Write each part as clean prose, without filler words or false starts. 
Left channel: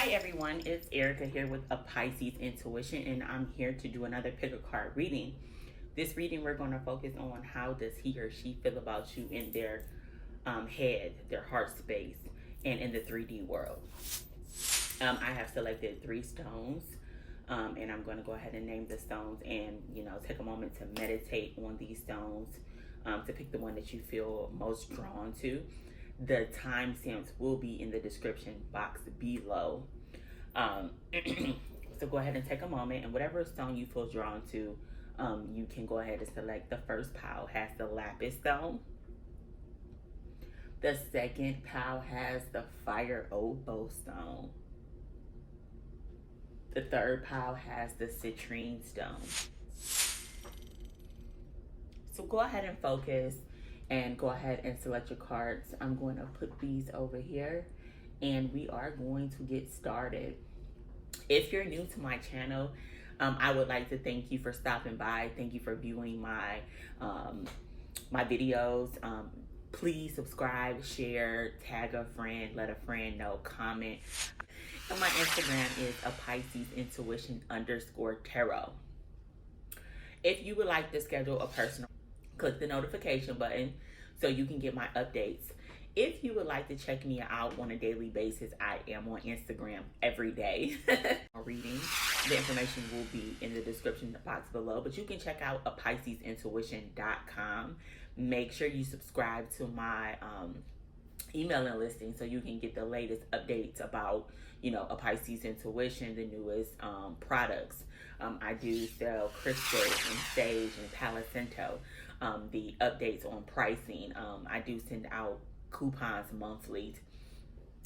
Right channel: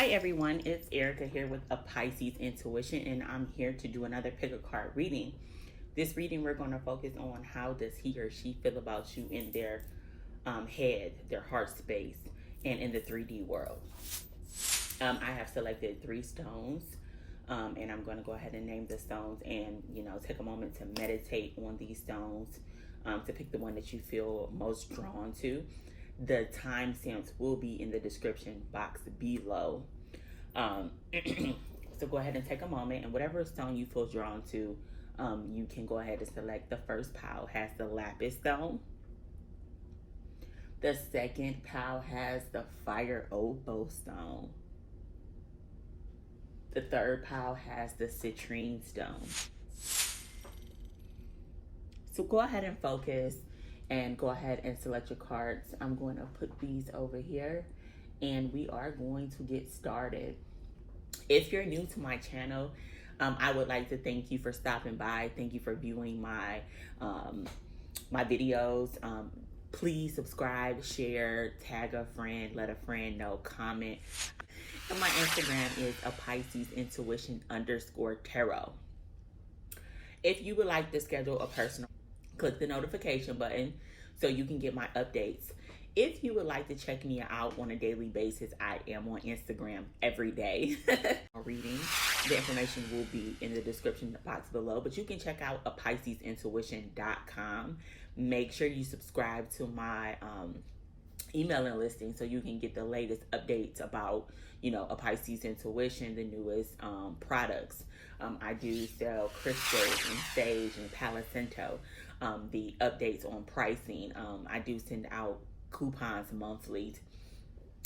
Hi everyone, it's Erika here with a Pisces Intuition, and I'm here to do another pick a card reading. This reading we're going to focus on how does he or she feel about you in their head, their heart space, and in the 3D world. I have selected 3 stones, and I'm going to go ahead and name the stones and, take a moment to meditate on these stones, to pick the one that you feel most drawn to. The timestamps will be in the description box below. So go ahead and take a moment, and whatever stone you feel drawn to, you can go ahead and select. The first pile has the Lapis stone. The second pile has the Fire Opal stone. The third pile has the Citrine stone. So go ahead and focus and go ahead and select your cards. I'm going to put these over here and we are going to get started. If you're new to my channel, I would like to thank you for stopping by. Thank you for viewing my my videos. Please subscribe, share, tag a friend, let a friend know, comment. And my Instagram is a Pisces Intuition _tarot. If you would like to schedule a personal, click the notification button so you can get my updates. If you would like to check me out on a daily basis, I am on Instagram every day. Reading, the information will be in the description box below, but you can check out a PiscesIntuition.com. Make sure you subscribe to my emailing listing so you can get the latest updates about, a Pisces Intuition, the newest products. I do sell crystals and sage and Palo Santo. The updates on pricing. I do send out coupons monthly.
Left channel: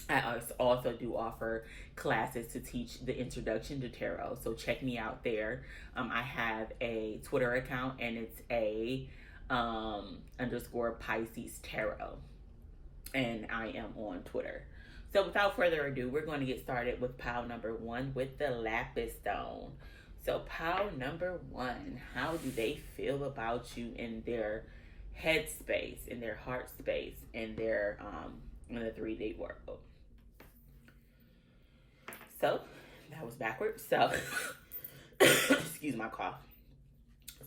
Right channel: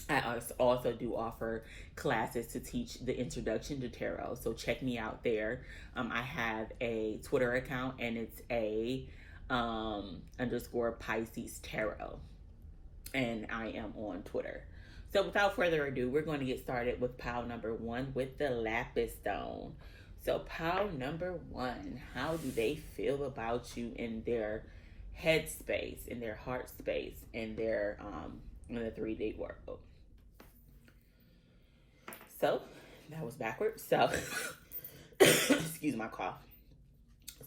I also do offer classes to teach the introduction to tarot, so check me out there. I have a Twitter account and it's a _Pisces tarot, and I am on Twitter. So without further ado, we're going to get started with pile number 1 with the Lapis stone. So pile number 1, how do they feel about you in their head space, in their heart space, in their in the 3D world? So that was backwards. So excuse my cough.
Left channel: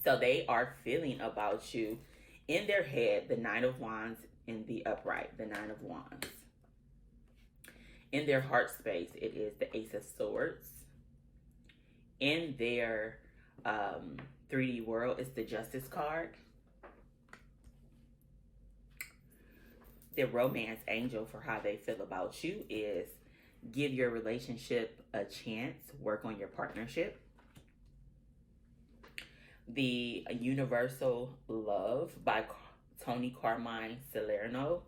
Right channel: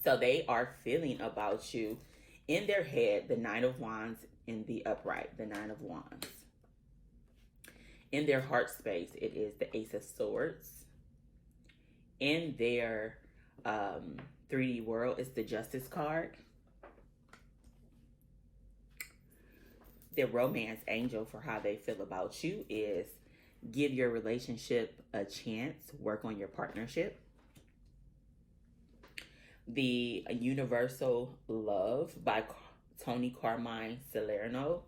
So they are feeling about you in their head, the 9 of Wands in the upright, the 9 of Wands. In their heart space, it is the Ace of Swords. In their 3D world, it's the Justice card. The romance angel for how they feel about you is give your relationship a chance, work on your partnership. The Universal Love by Tony Carmine Salerno.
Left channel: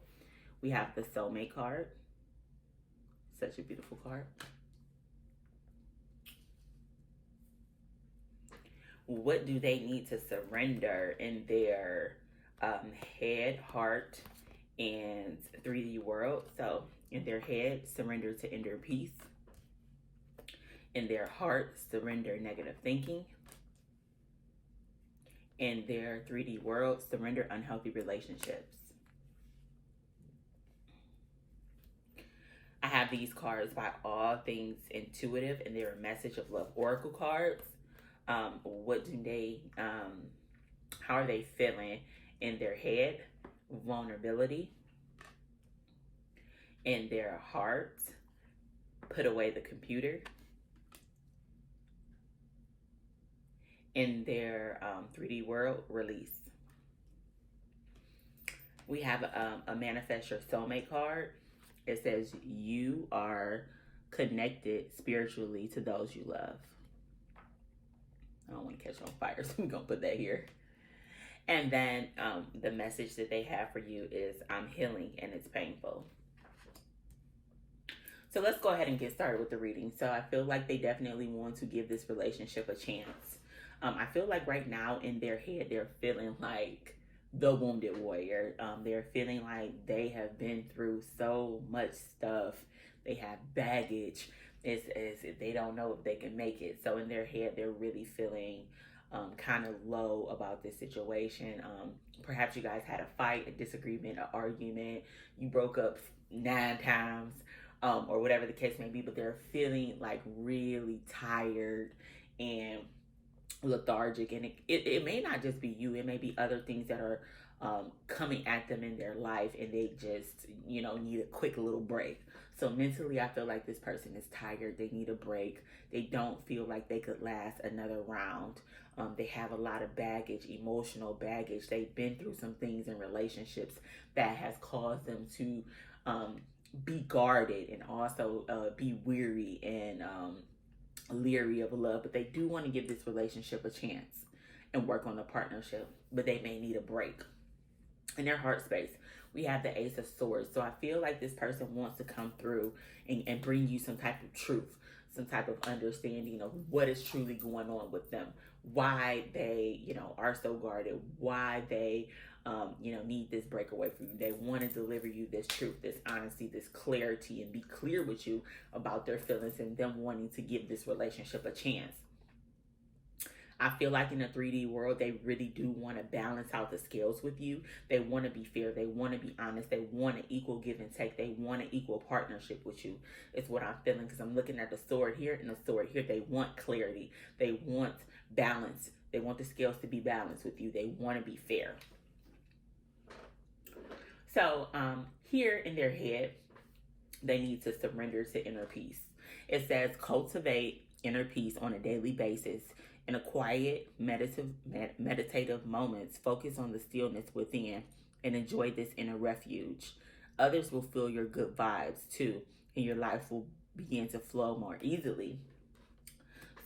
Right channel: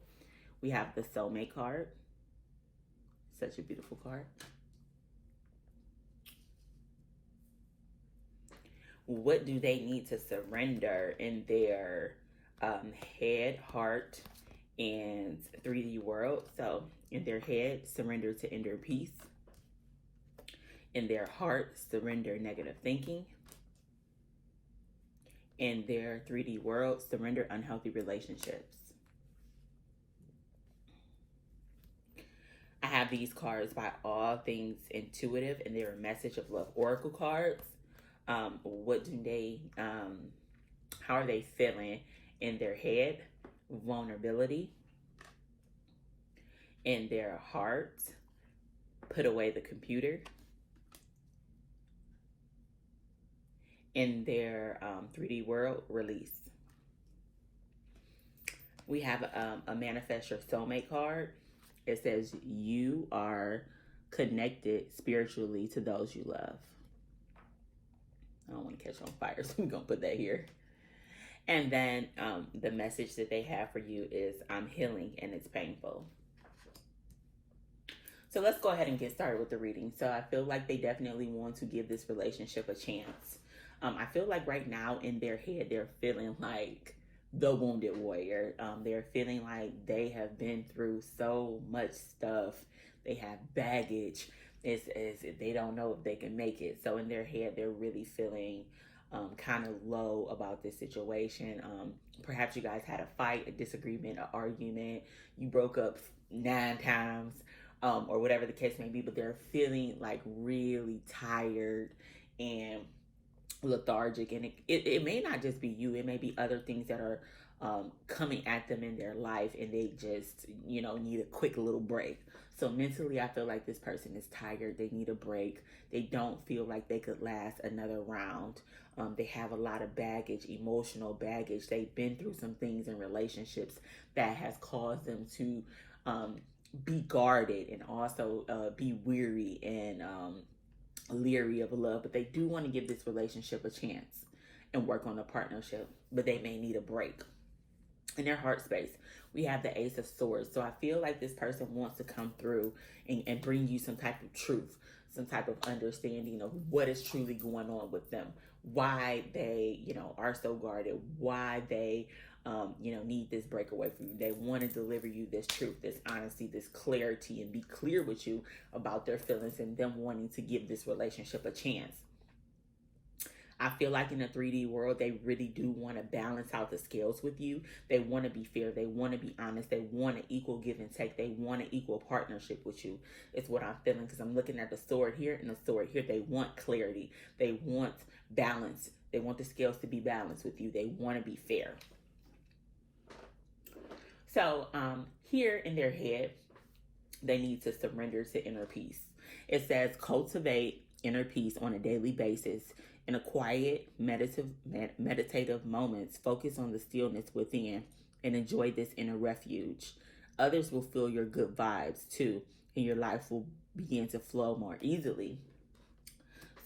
We have the Soulmate card. Such a beautiful card. What do they need to surrender in their head, heart, and 3D world? So in their head, surrender to inner peace. In their heart, surrender negative thinking. In their 3D world, surrender unhealthy relationships. I have these cards by All Things Intuitive, and they're a Message of Love Oracle cards. What do they, how are they feeling in their head? Vulnerability. In their heart, put away the computer. In their 3D world, release. We have a Manifest Your Soulmate card. It says you are connected spiritually to those you love. I don't want to catch on fire, so we're going to put that here. And then the message that they have for you is, I'm healing and it's painful. So let's go ahead and get started with the reading. So I feel like they definitely want to give this relationship a chance. I feel like right now in their head, they're feeling like the wounded warrior. They're feeling like they have been through so much stuff. They have baggage. It's they don't know if they can make it. So in their head, they're really feeling kind of low about this situation. Perhaps you guys had a fight, a disagreement, an argument. You broke up 9 times. or whatever the case may be, but they're feeling like really tired and lethargic. And it may not just be you, it may be other things that are coming at them in their life, and they just, need a quick little break. So mentally, I feel like this person is tired. They need a break. They don't feel like they could last another round. They have a lot of baggage, emotional baggage. They've been through some things in relationships that has caused them to be guarded, and also be weary and leery of love. But they do want to give this relationship a chance and work on a partnership, but they may need a break. In their heart space, we have the Ace of Swords. So I feel like this person wants to come through and bring you some type of truth, some type of understanding of what is truly going on with them, why they, are so guarded, why they, need this breakaway from you. They want to deliver you this truth, this honesty, this clarity, and be clear with you about their feelings and them wanting to give this relationship a chance. I feel like in the 3D world, they really do want to balance out the scales with you. They want to be fair. They want to be honest. They want an equal give and take. They want an equal partnership with you. It's what I'm feeling, because I'm looking at the sword here and the sword here. They want clarity. They want balance. They want the scales to be balanced with you. They want to be fair. So here in their head, they need to surrender to inner peace. It says cultivate inner peace on a daily basis. In a quiet, meditative moments, focus on the stillness within and enjoy this inner refuge. Others will feel your good vibes too, and your life will begin to flow more easily.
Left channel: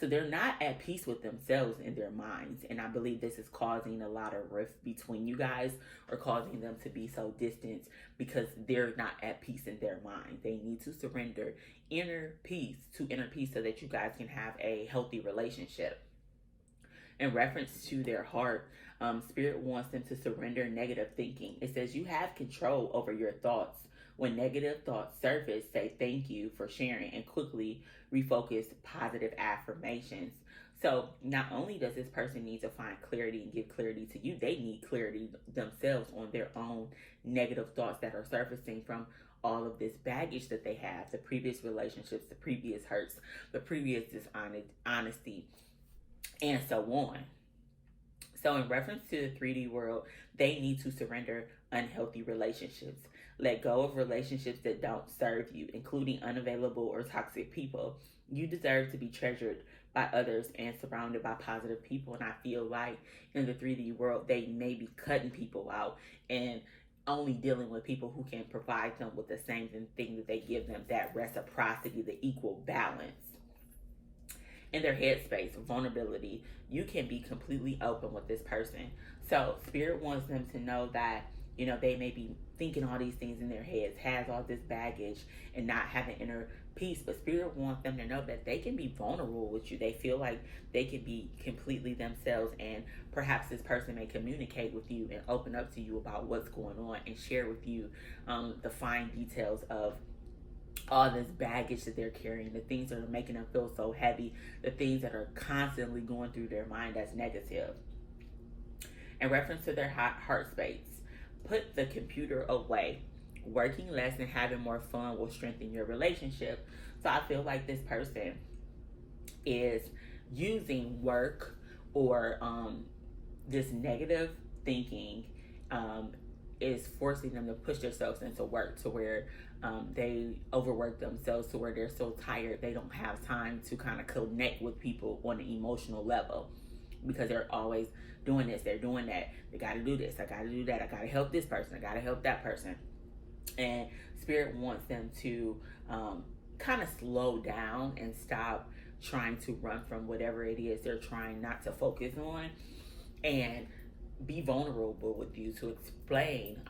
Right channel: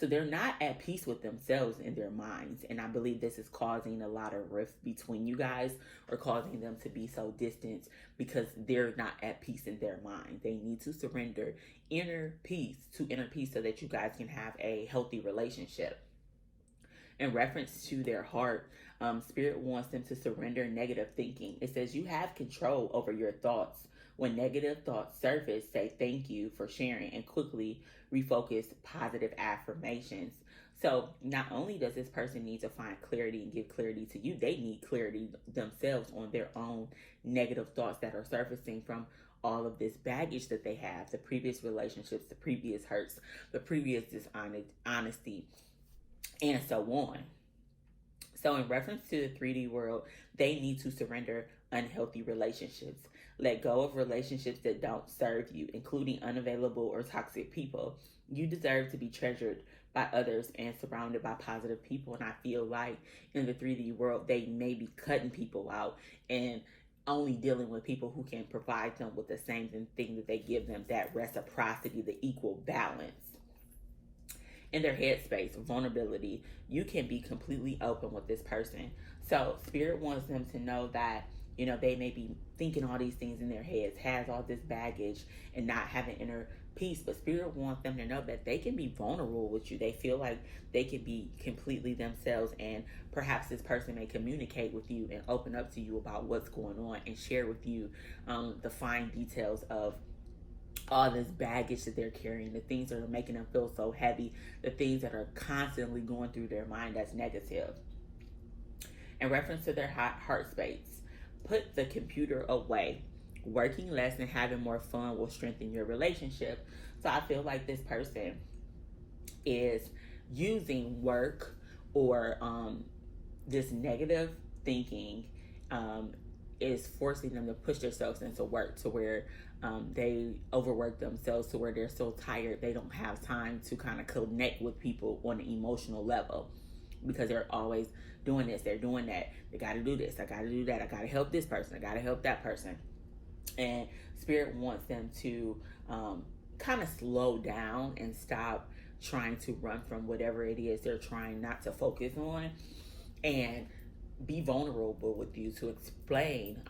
So they're not at peace with themselves in their minds, and I believe this is causing a lot of rift between you guys, or causing them to be so distant because they're not at peace in their mind. They need to surrender inner peace so that you guys can have a healthy relationship. In reference to their heart, Spirit wants them to surrender negative thinking. It says you have control over your thoughts. When negative thoughts surface, say thank you for sharing and quickly refocus positive affirmations. So not only does this person need to find clarity and give clarity to you, they need clarity themselves on their own negative thoughts that are surfacing from all of this baggage that they have, the previous relationships, the previous hurts, the previous dishonesty, and so on. So in reference to the 3D world, they need to surrender unhealthy relationships. Let go of relationships that don't serve you, including unavailable or toxic people. You deserve to be treasured by others and surrounded by positive people. And I feel like in the 3D world, they may be cutting people out and only dealing with people who can provide them with the same thing that they give them, that reciprocity, the equal balance. In their headspace, vulnerability, you can be completely open with this person. So Spirit wants them to know that, they may be thinking all these things in their heads, has all this baggage and not having inner peace, but Spirit wants them to know that they can be vulnerable with you. They feel like they can be completely themselves, and perhaps this person may communicate with you and open up to you about what's going on and share with you the fine details of all this baggage that they're carrying, the things that are making them feel so heavy, the things that are constantly going through their mind that's negative. In reference to their heart space, put the computer away. Working less and having more fun will strengthen your relationship. So I feel like this person is using work or this negative thinking is forcing them to push themselves into work to where they overwork themselves to where they're so tired they don't have time to kind of connect with people on an emotional level, because they're always doing this, they're doing that, they got to do this, I got to do that, I got to help this person, I got to help that person. And Spirit wants them to kind of slow down and stop trying to run from whatever it is they're trying not to focus on, and be vulnerable with you to explain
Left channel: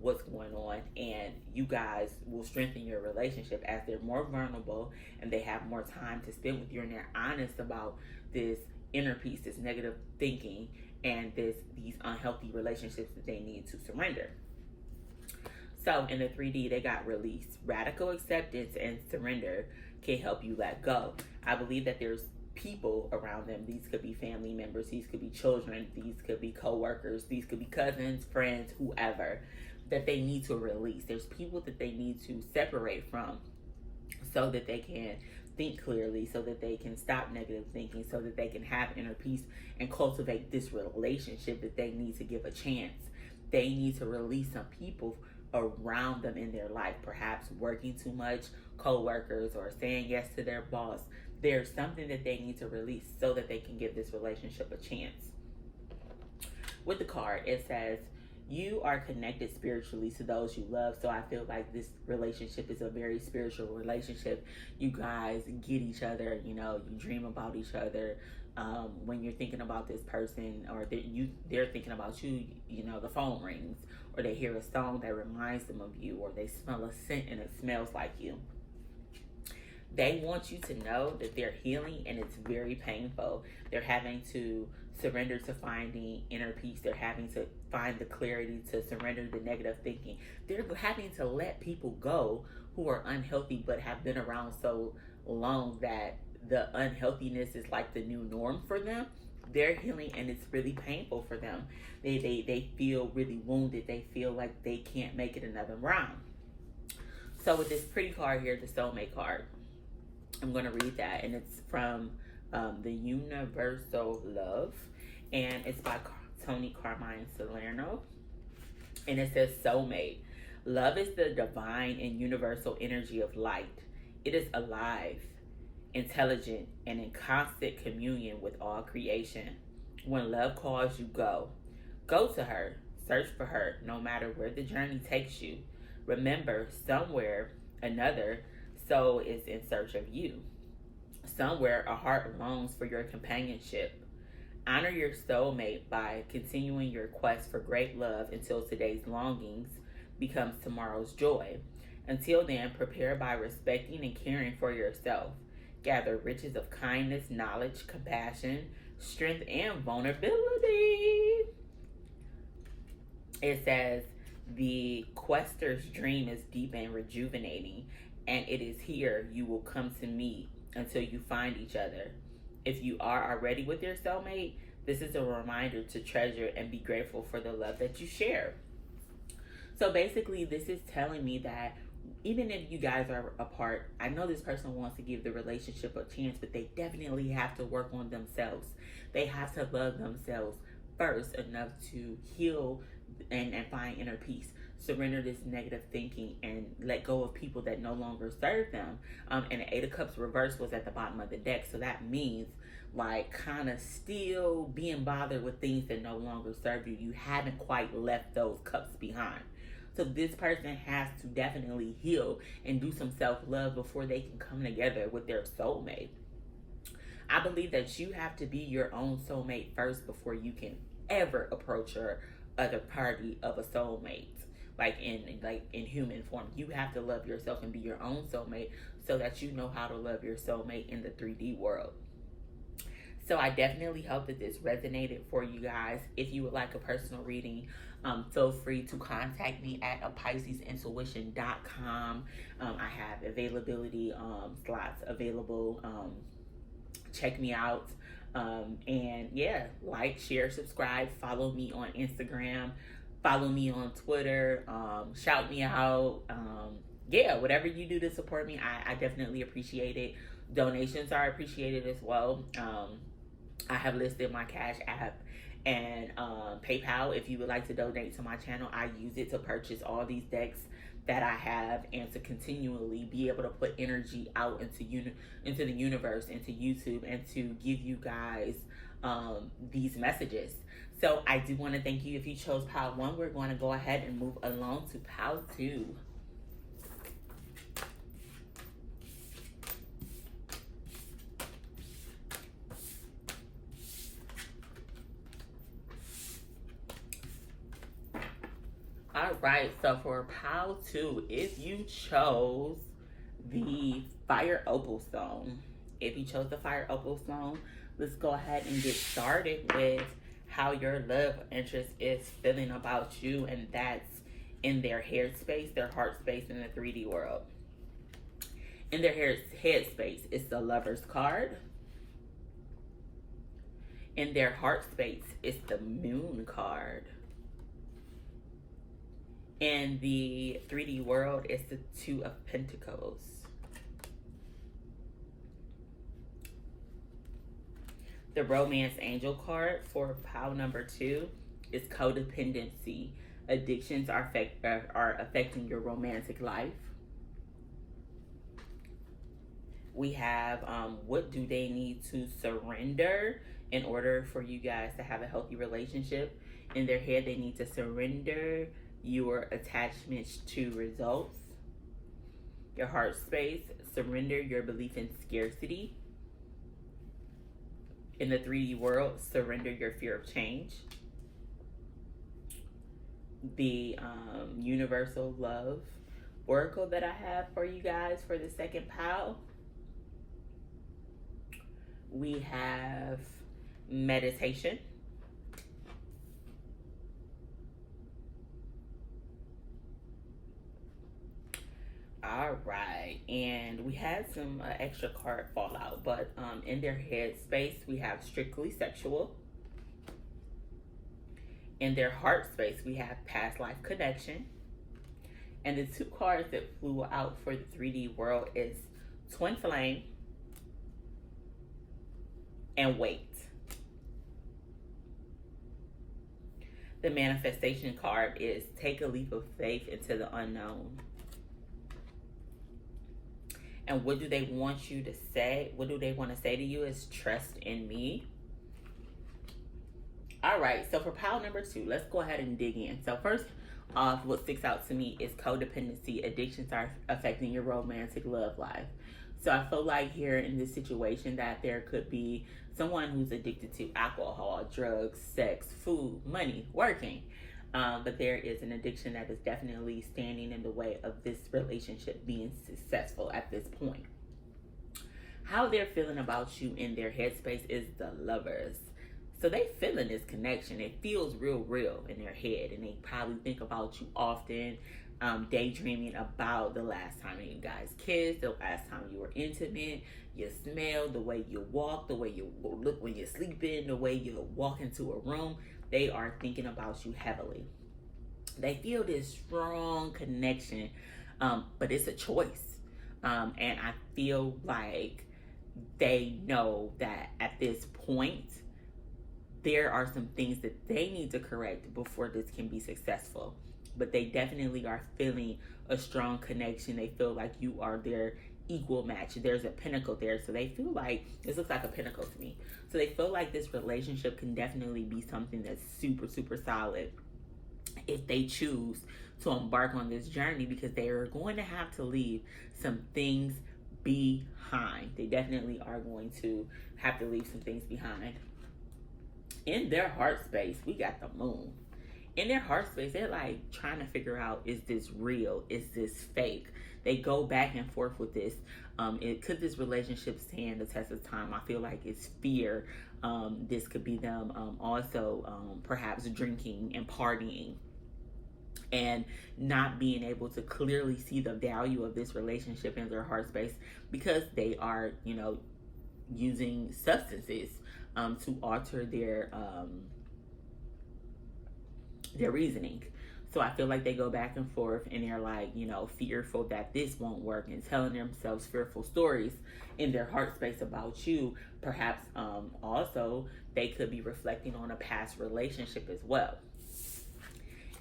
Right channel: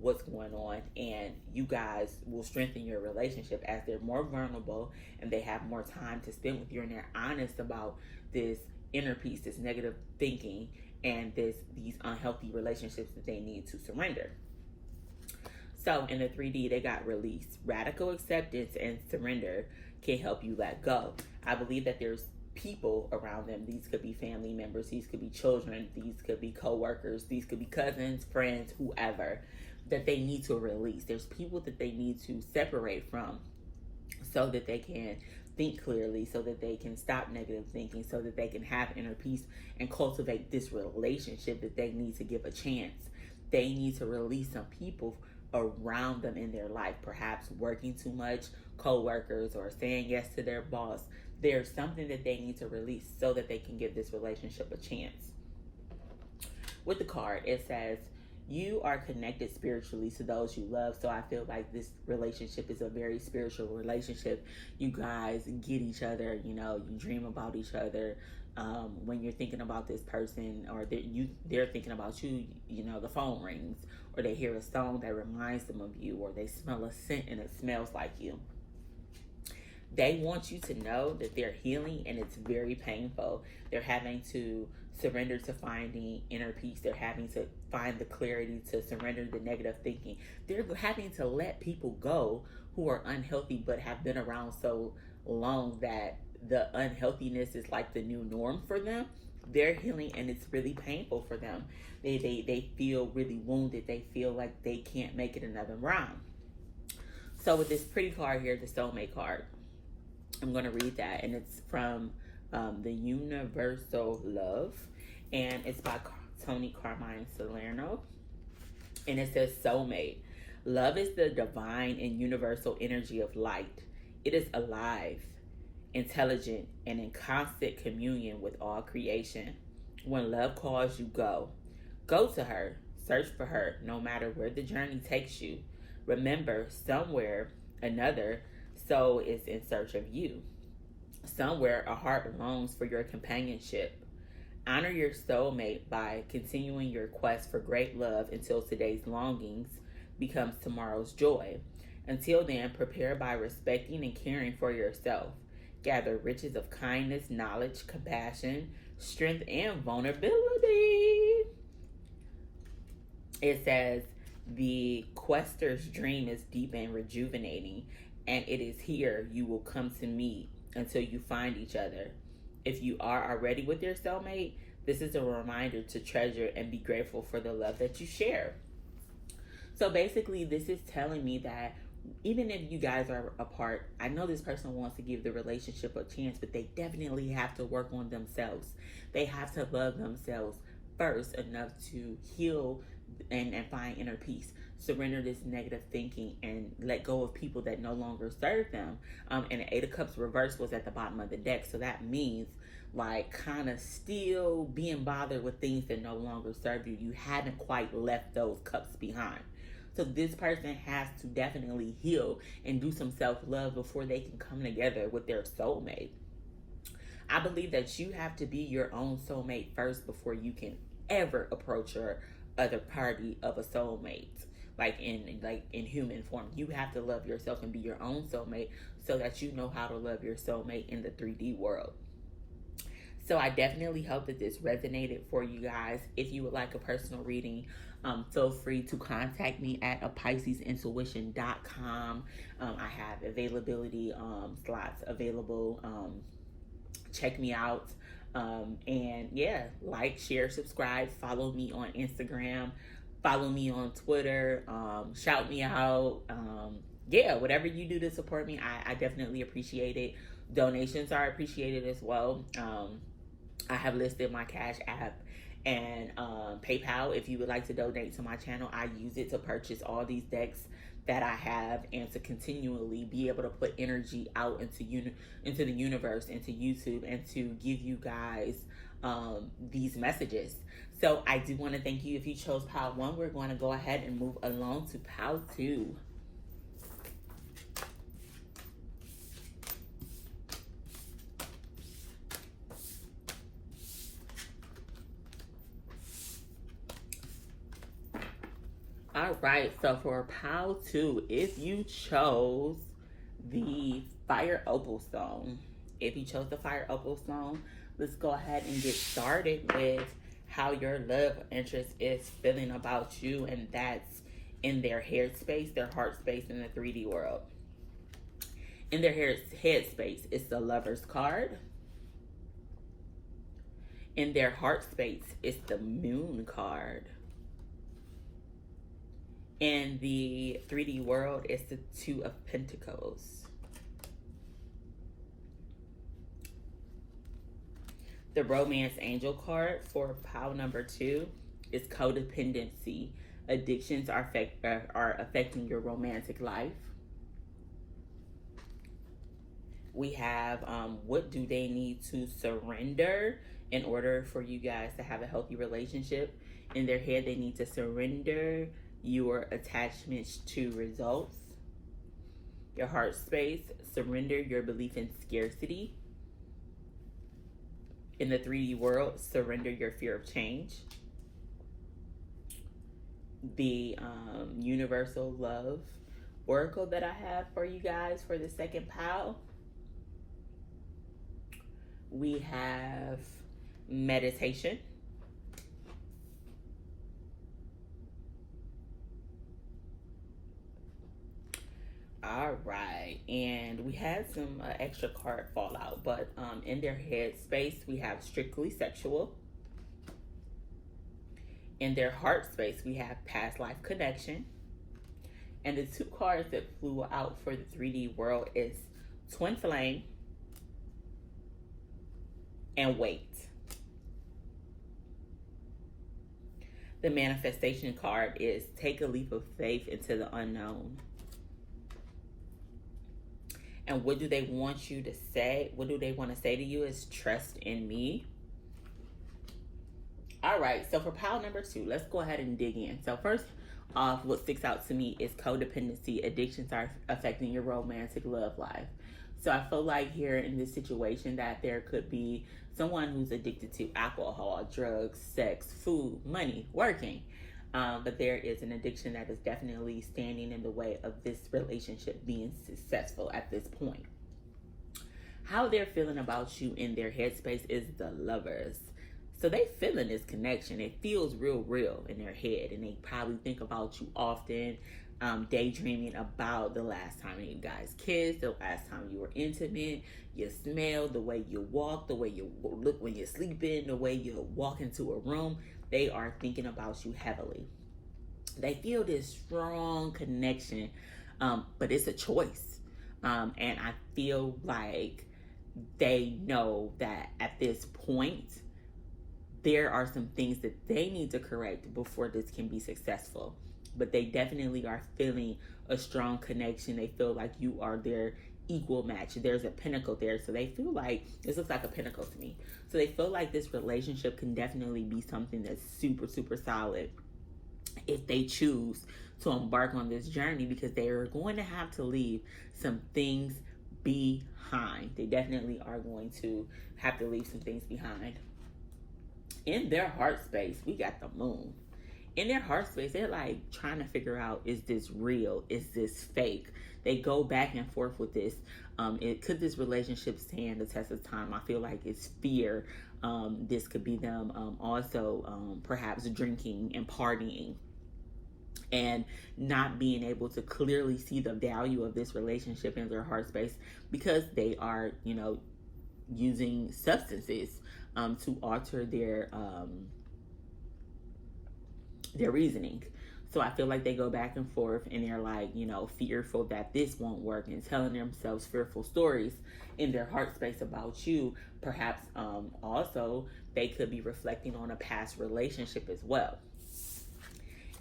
what's going on, and you guys will strengthen your relationship as they're more vulnerable and they have more time to spend with you, and they're honest about this inner peace, this negative thinking, and these unhealthy relationships that they need to surrender. So in the 3D, they got release. Radical acceptance and surrender can help you let go. I believe that there's people around them. These could be family members, these could be children, these could be co-workers, these could be cousins, friends, whoever, that they need to release. There's people that they need to separate from so that they can think clearly, so that they can stop negative thinking, so that they can have inner peace and cultivate this relationship that they need to give a chance. They need to release some people around them in their life, perhaps working too much, co-workers, or saying yes to their boss. There's something that they need to release so that they can give this relationship a chance. With the card, it says, you are connected spiritually to those you love. So I feel like this relationship is a very spiritual relationship. You guys get each other, you know, you dream about each other. When you're thinking about this person, or they're thinking about you, you know, the phone rings, or they hear a song that reminds them of you, or they smell a scent and it smells like you. They want you to know that they're healing, and it's very painful. They're having to surrender to finding inner peace. They're having to find the clarity to surrender the negative thinking. They're having to let people go who are unhealthy but have been around so long that the unhealthiness is like the new norm for them. They're healing, and it's really painful for them. They feel really wounded. They feel like they can't make it another round. So with this pretty card here, the soulmate card, I'm going to read that, and it's from the Universal Love, and it's by Tony Carmine Salerno, and it says, soulmate. Love is the divine and universal energy of light. It is alive, intelligent, and in constant communion with all creation. When love calls you, go. Go to her. Search for her, no matter where the journey takes you. Remember, somewhere another soul is in search of you. Somewhere a heart longs for your companionship. Honor your soulmate by continuing your quest for great love until today's longings becomes tomorrow's joy. Until then, prepare by respecting and caring for yourself. Gather riches of kindness, knowledge, compassion, strength, and vulnerability. It says, the quester's dream is deep and rejuvenating, and it is here you will come to meet until you find each other. If you are already with your soulmate, this is a reminder to treasure and be grateful for the love that you share. So basically, this is telling me that even if you guys are apart, I know this person wants to give the relationship a chance, but they definitely have to work on themselves. They have to love themselves first enough to heal and find inner peace. Surrender this negative thinking and let go of people that no longer serve them. And the Eight of Cups reverse was at the bottom of the deck. So that means like kind of still being bothered with things that no longer serve you. You haven't quite left those cups behind. So this person has to definitely heal and do some self-love before they can come together with their soulmate. I believe that you have to be your own soulmate first before you can ever approach your other party of a soulmate. Like in human form, you have to love yourself and be your own soulmate so that you know how to love your soulmate in the 3D world. So I definitely hope that this resonated for you guys. If you would like a personal reading, feel free to contact me at apisisintuition.com. I have availability slots available. Check me out. And yeah, like, share, subscribe, follow me on Instagram. Follow me on Twitter, shout me out. Yeah, whatever you do to support me, I definitely appreciate it. Donations are appreciated as well. I have listed my Cash App and PayPal. If you would like to donate to my channel, I use it to purchase all these decks that I have and to continually be able to put energy out into the universe, into YouTube, and to give you guys these messages. So I do want to thank you. If you chose pile 1, we're going to go ahead and move along to pile 2. All right, so for pile 2, if you chose the Fire Opal Stone, let's go ahead and get started with how your love interest is feeling about you, and that's in their head space, their heart space in the 3D world. In their head space, it's the Lover's card. In their heart space, it's the Moon card. In the 3D world, it's the Two of Pentacles. The romance angel card for pile number 2 is codependency. Addictions are affecting your romantic life. We have what do they need to surrender in order for you guys to have a healthy relationship. In their head, they need to surrender your attachments to results. Your heart space, surrender your belief in scarcity. In the 3D world, surrender your fear of change. The universal love oracle that I have for you guys for the second pile, we have meditation. All right, and we had some extra card fallout, but in their head space, we have strictly sexual. In their heart space, we have past life connection. And the 2 cards that flew out for the 3D world is twin flame and wait. The manifestation card is take a leap of faith into the unknown. And what do they want you to say? What do they want to say to you is trust in me. All right, so for pile number 2, let's go ahead and dig in. So first off, what sticks out to me is codependency. Addictions are affecting your romantic love life. So I feel like here in this situation that there could be someone who's addicted to alcohol, drugs, sex, food, money, working. But there is an addiction that is definitely standing in the way of this relationship being successful at this point. How they're feeling about you in their headspace is the Lovers. So they feeling this connection. It feels real in their head, and they probably think about you often, daydreaming about the last time you guys kissed, the last time you were intimate, your smell, the way you walk, the way you look when you're sleeping, the way you walk into a room. They are thinking about you heavily. They feel this strong connection, but it's a choice. And I feel like they know that at this point, there are some things that they need to correct before this can be successful. But they definitely are feeling a strong connection. They feel like you are their equal match. There's a pinnacle there. So they feel like, this looks like a pinnacle to me. So they feel like this relationship can definitely be something that's super solid if they choose to embark on this journey, because they are going to have to leave some things behind. They definitely are going to have to leave some things behind. In their heart space, we got the moon. In their heart space, they're like trying to figure out, is this real? Is this fake? They go back and forth with this. Could this relationship stand the test of time? I feel like it's fear. This could be them also perhaps drinking and partying and not being able to clearly see the value of this relationship in their heart space, because they are, using substances to alter their reasoning. So I feel like they go back and forth, and they're like, fearful that this won't work, and telling themselves fearful stories in their heart space about you. Perhaps also they could be reflecting on a past relationship as well.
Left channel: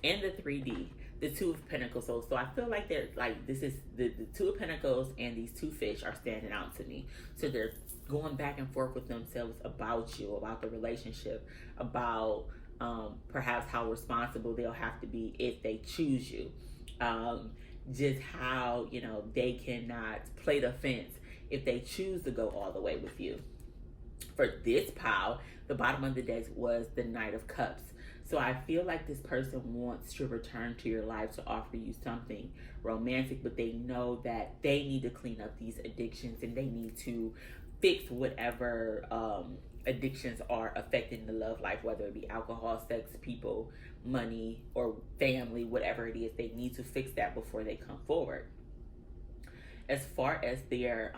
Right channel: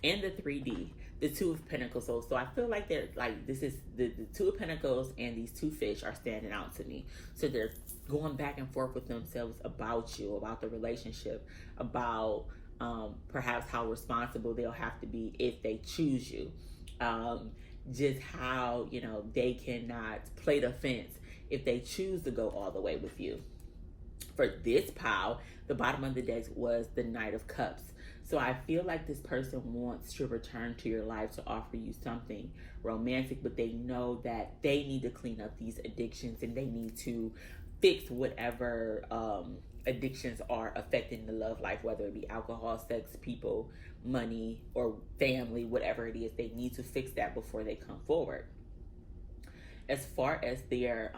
In the 3D, the 2 of Pentacles. So I feel like they're like, this is the 2 of Pentacles, and these 2 fish are standing out to me. So they're going back and forth with themselves about you, about the relationship, about perhaps how responsible they'll have to be if they choose you. Just how, they cannot play the fence if they choose to go all the way with you. For this pile, the bottom of the deck was the Knight of Cups. So I feel like this person wants to return to your life to offer you something romantic, but they know that they need to clean up these addictions, and they need to fix whatever addictions are affecting the love life, whether it be alcohol, sex, people, money, or family, whatever it is. They need to fix that before they come forward. As far as their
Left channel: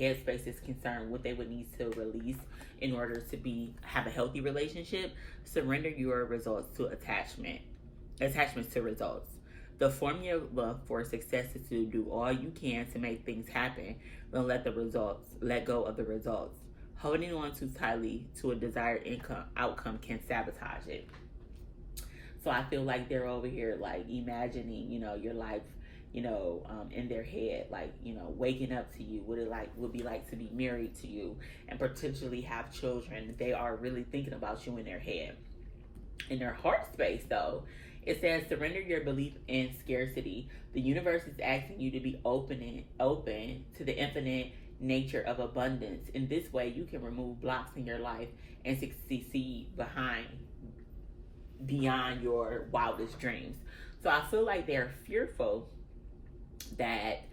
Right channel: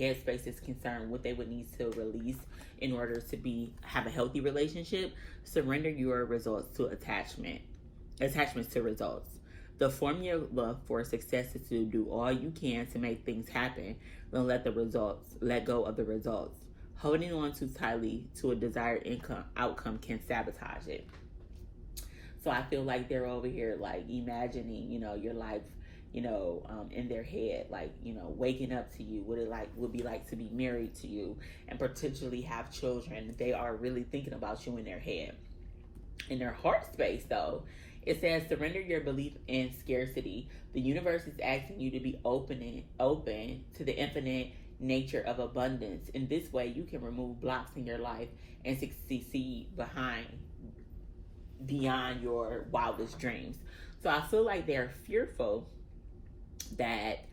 headspace is concerned, what they would need to release in order to have a healthy relationship: surrender your results to attachments to results. The formula for success is to do all you can to make things happen, then let go of the results. Holding on too tightly to a desired outcome can sabotage it. So I feel like they're over here like imagining, your life, in their head, like, waking up to you, what it like would be like to be married to you and potentially have children. They are really thinking about you in their head. In their heart space, though, it says surrender your belief in scarcity. The universe is asking you to be open to the infinite nature of abundance. In this way, you can remove blocks in your life and succeed beyond your wildest dreams. So I feel like they're fearful that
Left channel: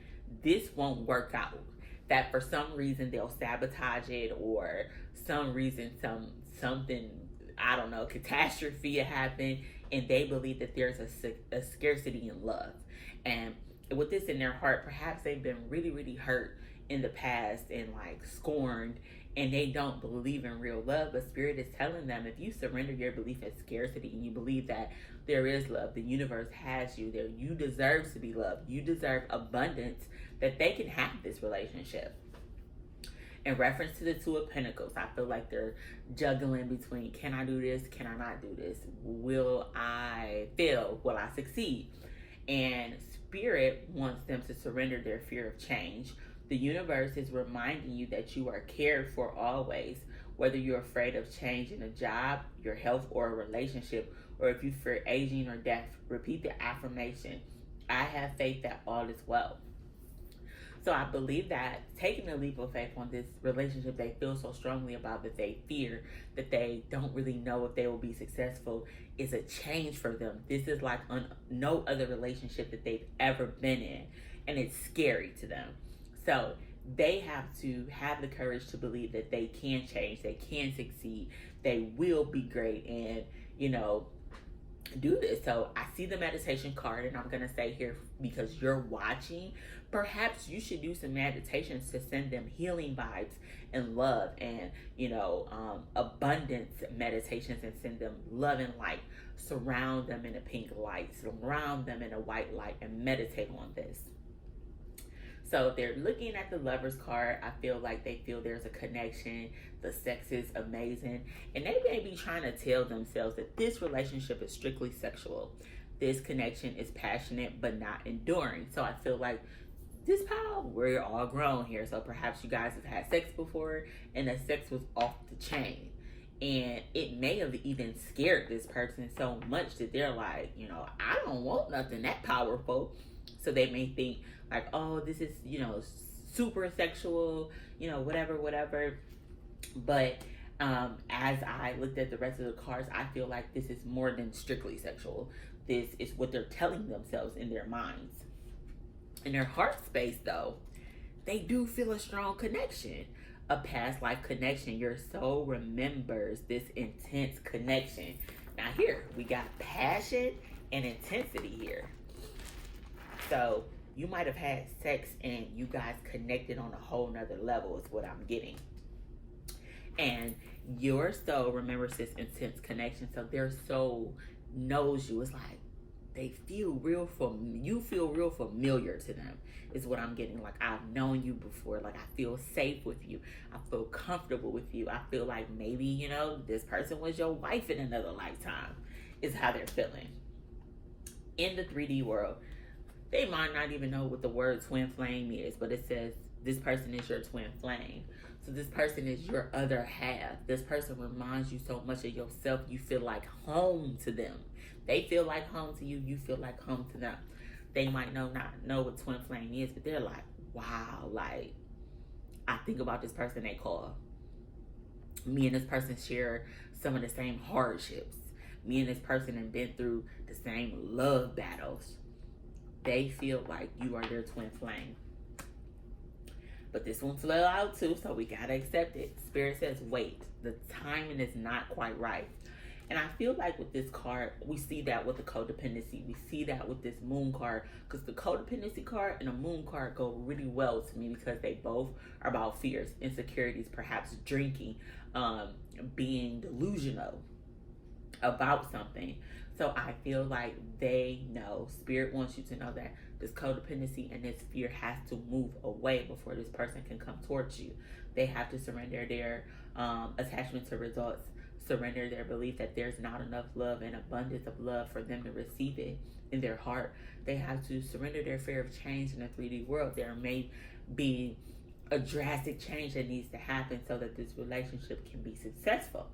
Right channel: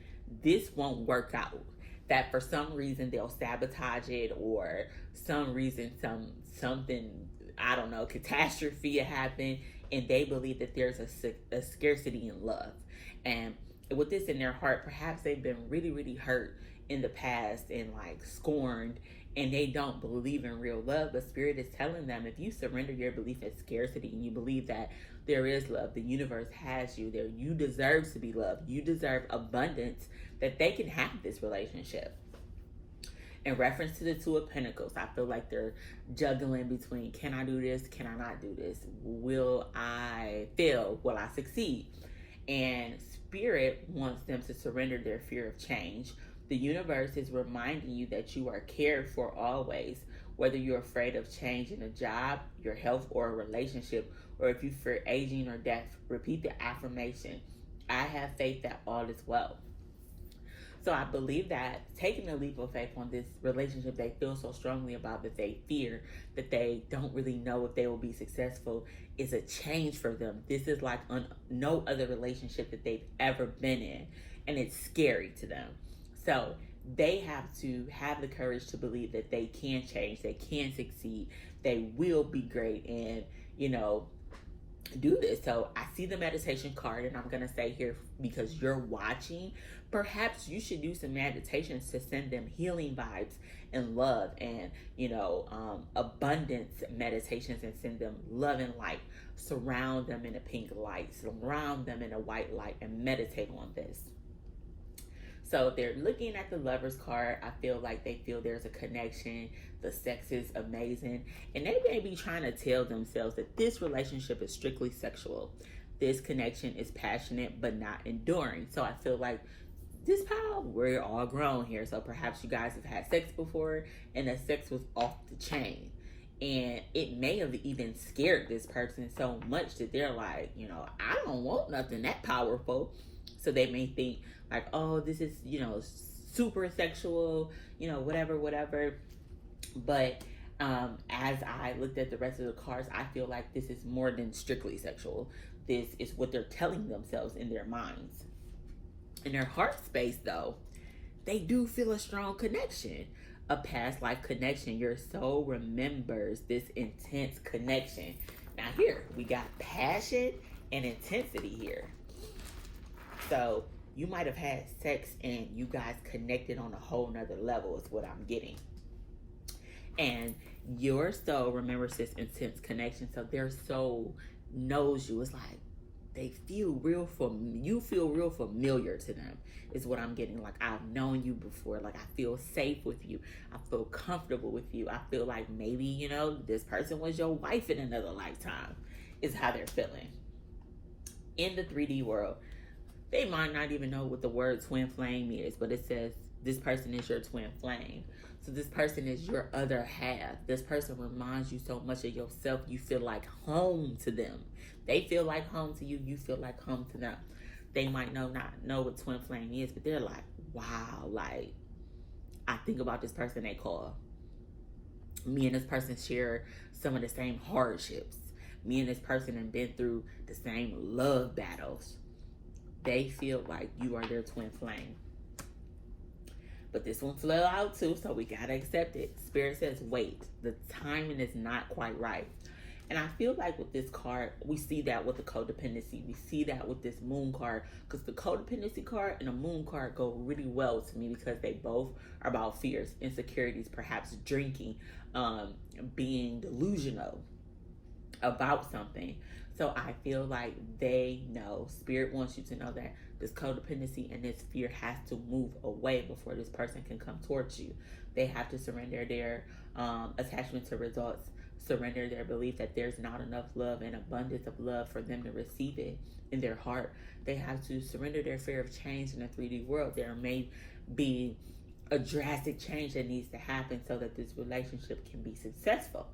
this won't work out. That for some reason they'll sabotage it, or some reason something, I don't know, catastrophe happen, and they believe that there's a scarcity in love. And with this in their heart, perhaps they've been really, really hurt in the past and like scorned, and they don't believe in real love. But Spirit is telling them, if you surrender your belief in scarcity and you believe that there is love, the universe has you there, you deserve to be loved, you deserve abundance, that they can have this relationship. In reference to the Two of Pentacles, I feel like they're juggling between, can I do this? Can I not do this? Will I fail? Will I succeed? And Spirit wants them to surrender their fear of change. The universe is reminding you that you are cared for always, whether you're afraid of changing a job, your health, or a relationship, or if you fear aging or death. Repeat the affirmation: I have faith that all is well. So I believe that taking a leap of faith on this relationship they feel so strongly about, that they fear, that they don't really know if they will be successful, is a change for them. This is like no other relationship that they've ever been in, and it's scary to them. So they have to have the courage to believe that they can change, they can succeed, they will be great, and, do this. So I see the meditation card, and I'm going to say here, because you're watching, perhaps you should do some meditations to send them healing vibes and love, and abundance meditations, and send them love and light. Surround them in a pink light, surround them in a white light, and meditate on this. So they're looking at the Lover's card. I feel like they feel there's a connection. The sex is amazing. And they may be trying to tell themselves that this relationship is strictly sexual. This connection is passionate but not enduring. So I feel like this power, we're all grown here. So perhaps you guys have had sex before, and the sex was off the chain. And it may have even scared this person so much that they're like, I don't want nothing that powerful. So they may think like, oh, this is, super sexual, whatever. But as I looked at the rest of the cards, I feel like this is more than strictly sexual. This is what they're telling themselves in their minds. In their heart space, though, they do feel a strong connection, a past life connection. Your soul remembers this intense connection. Now here, we got passion and intensity here. So you might have had sex and you guys connected on a whole nother level, is what I'm getting. And your soul remembers this intense connection, so their soul knows you. It's like they feel you feel real familiar to them, is what I'm getting. Like, I've known you before. Like, I feel safe with you. I feel comfortable with you. I feel like maybe, this person was your wife in another lifetime, is how they're feeling. In the 3D world, they might not even know what the word twin flame is, but it says this person is your twin flame. So this person is your other half. This person reminds you so much of yourself. You feel like home to them. They feel like home to you. You feel like home to them. They might not know what twin flame is, but they're like, wow, like, I think about this person they call. Me and this person share some of the same hardships. Me and this person have been through the same love battles. They feel like you are their twin flame. But this one fell out too, so we gotta accept it. Spirit says, wait, the timing is not quite right. And I feel like with this card, we see that with the codependency. We see that with this moon card, because the codependency card and the moon card go really well to me, because they both are about fears, insecurities, perhaps drinking, being delusional about something. So I feel like they know, Spirit wants you to know that This codependency and this fear has to move away before this person can come towards you. They have to surrender their attachment to results, surrender their belief that there's not enough love and abundance of love for them to receive it in their heart. They have to surrender their fear of change in the 3D world. There may be a drastic change that needs to happen so that this relationship can be successful.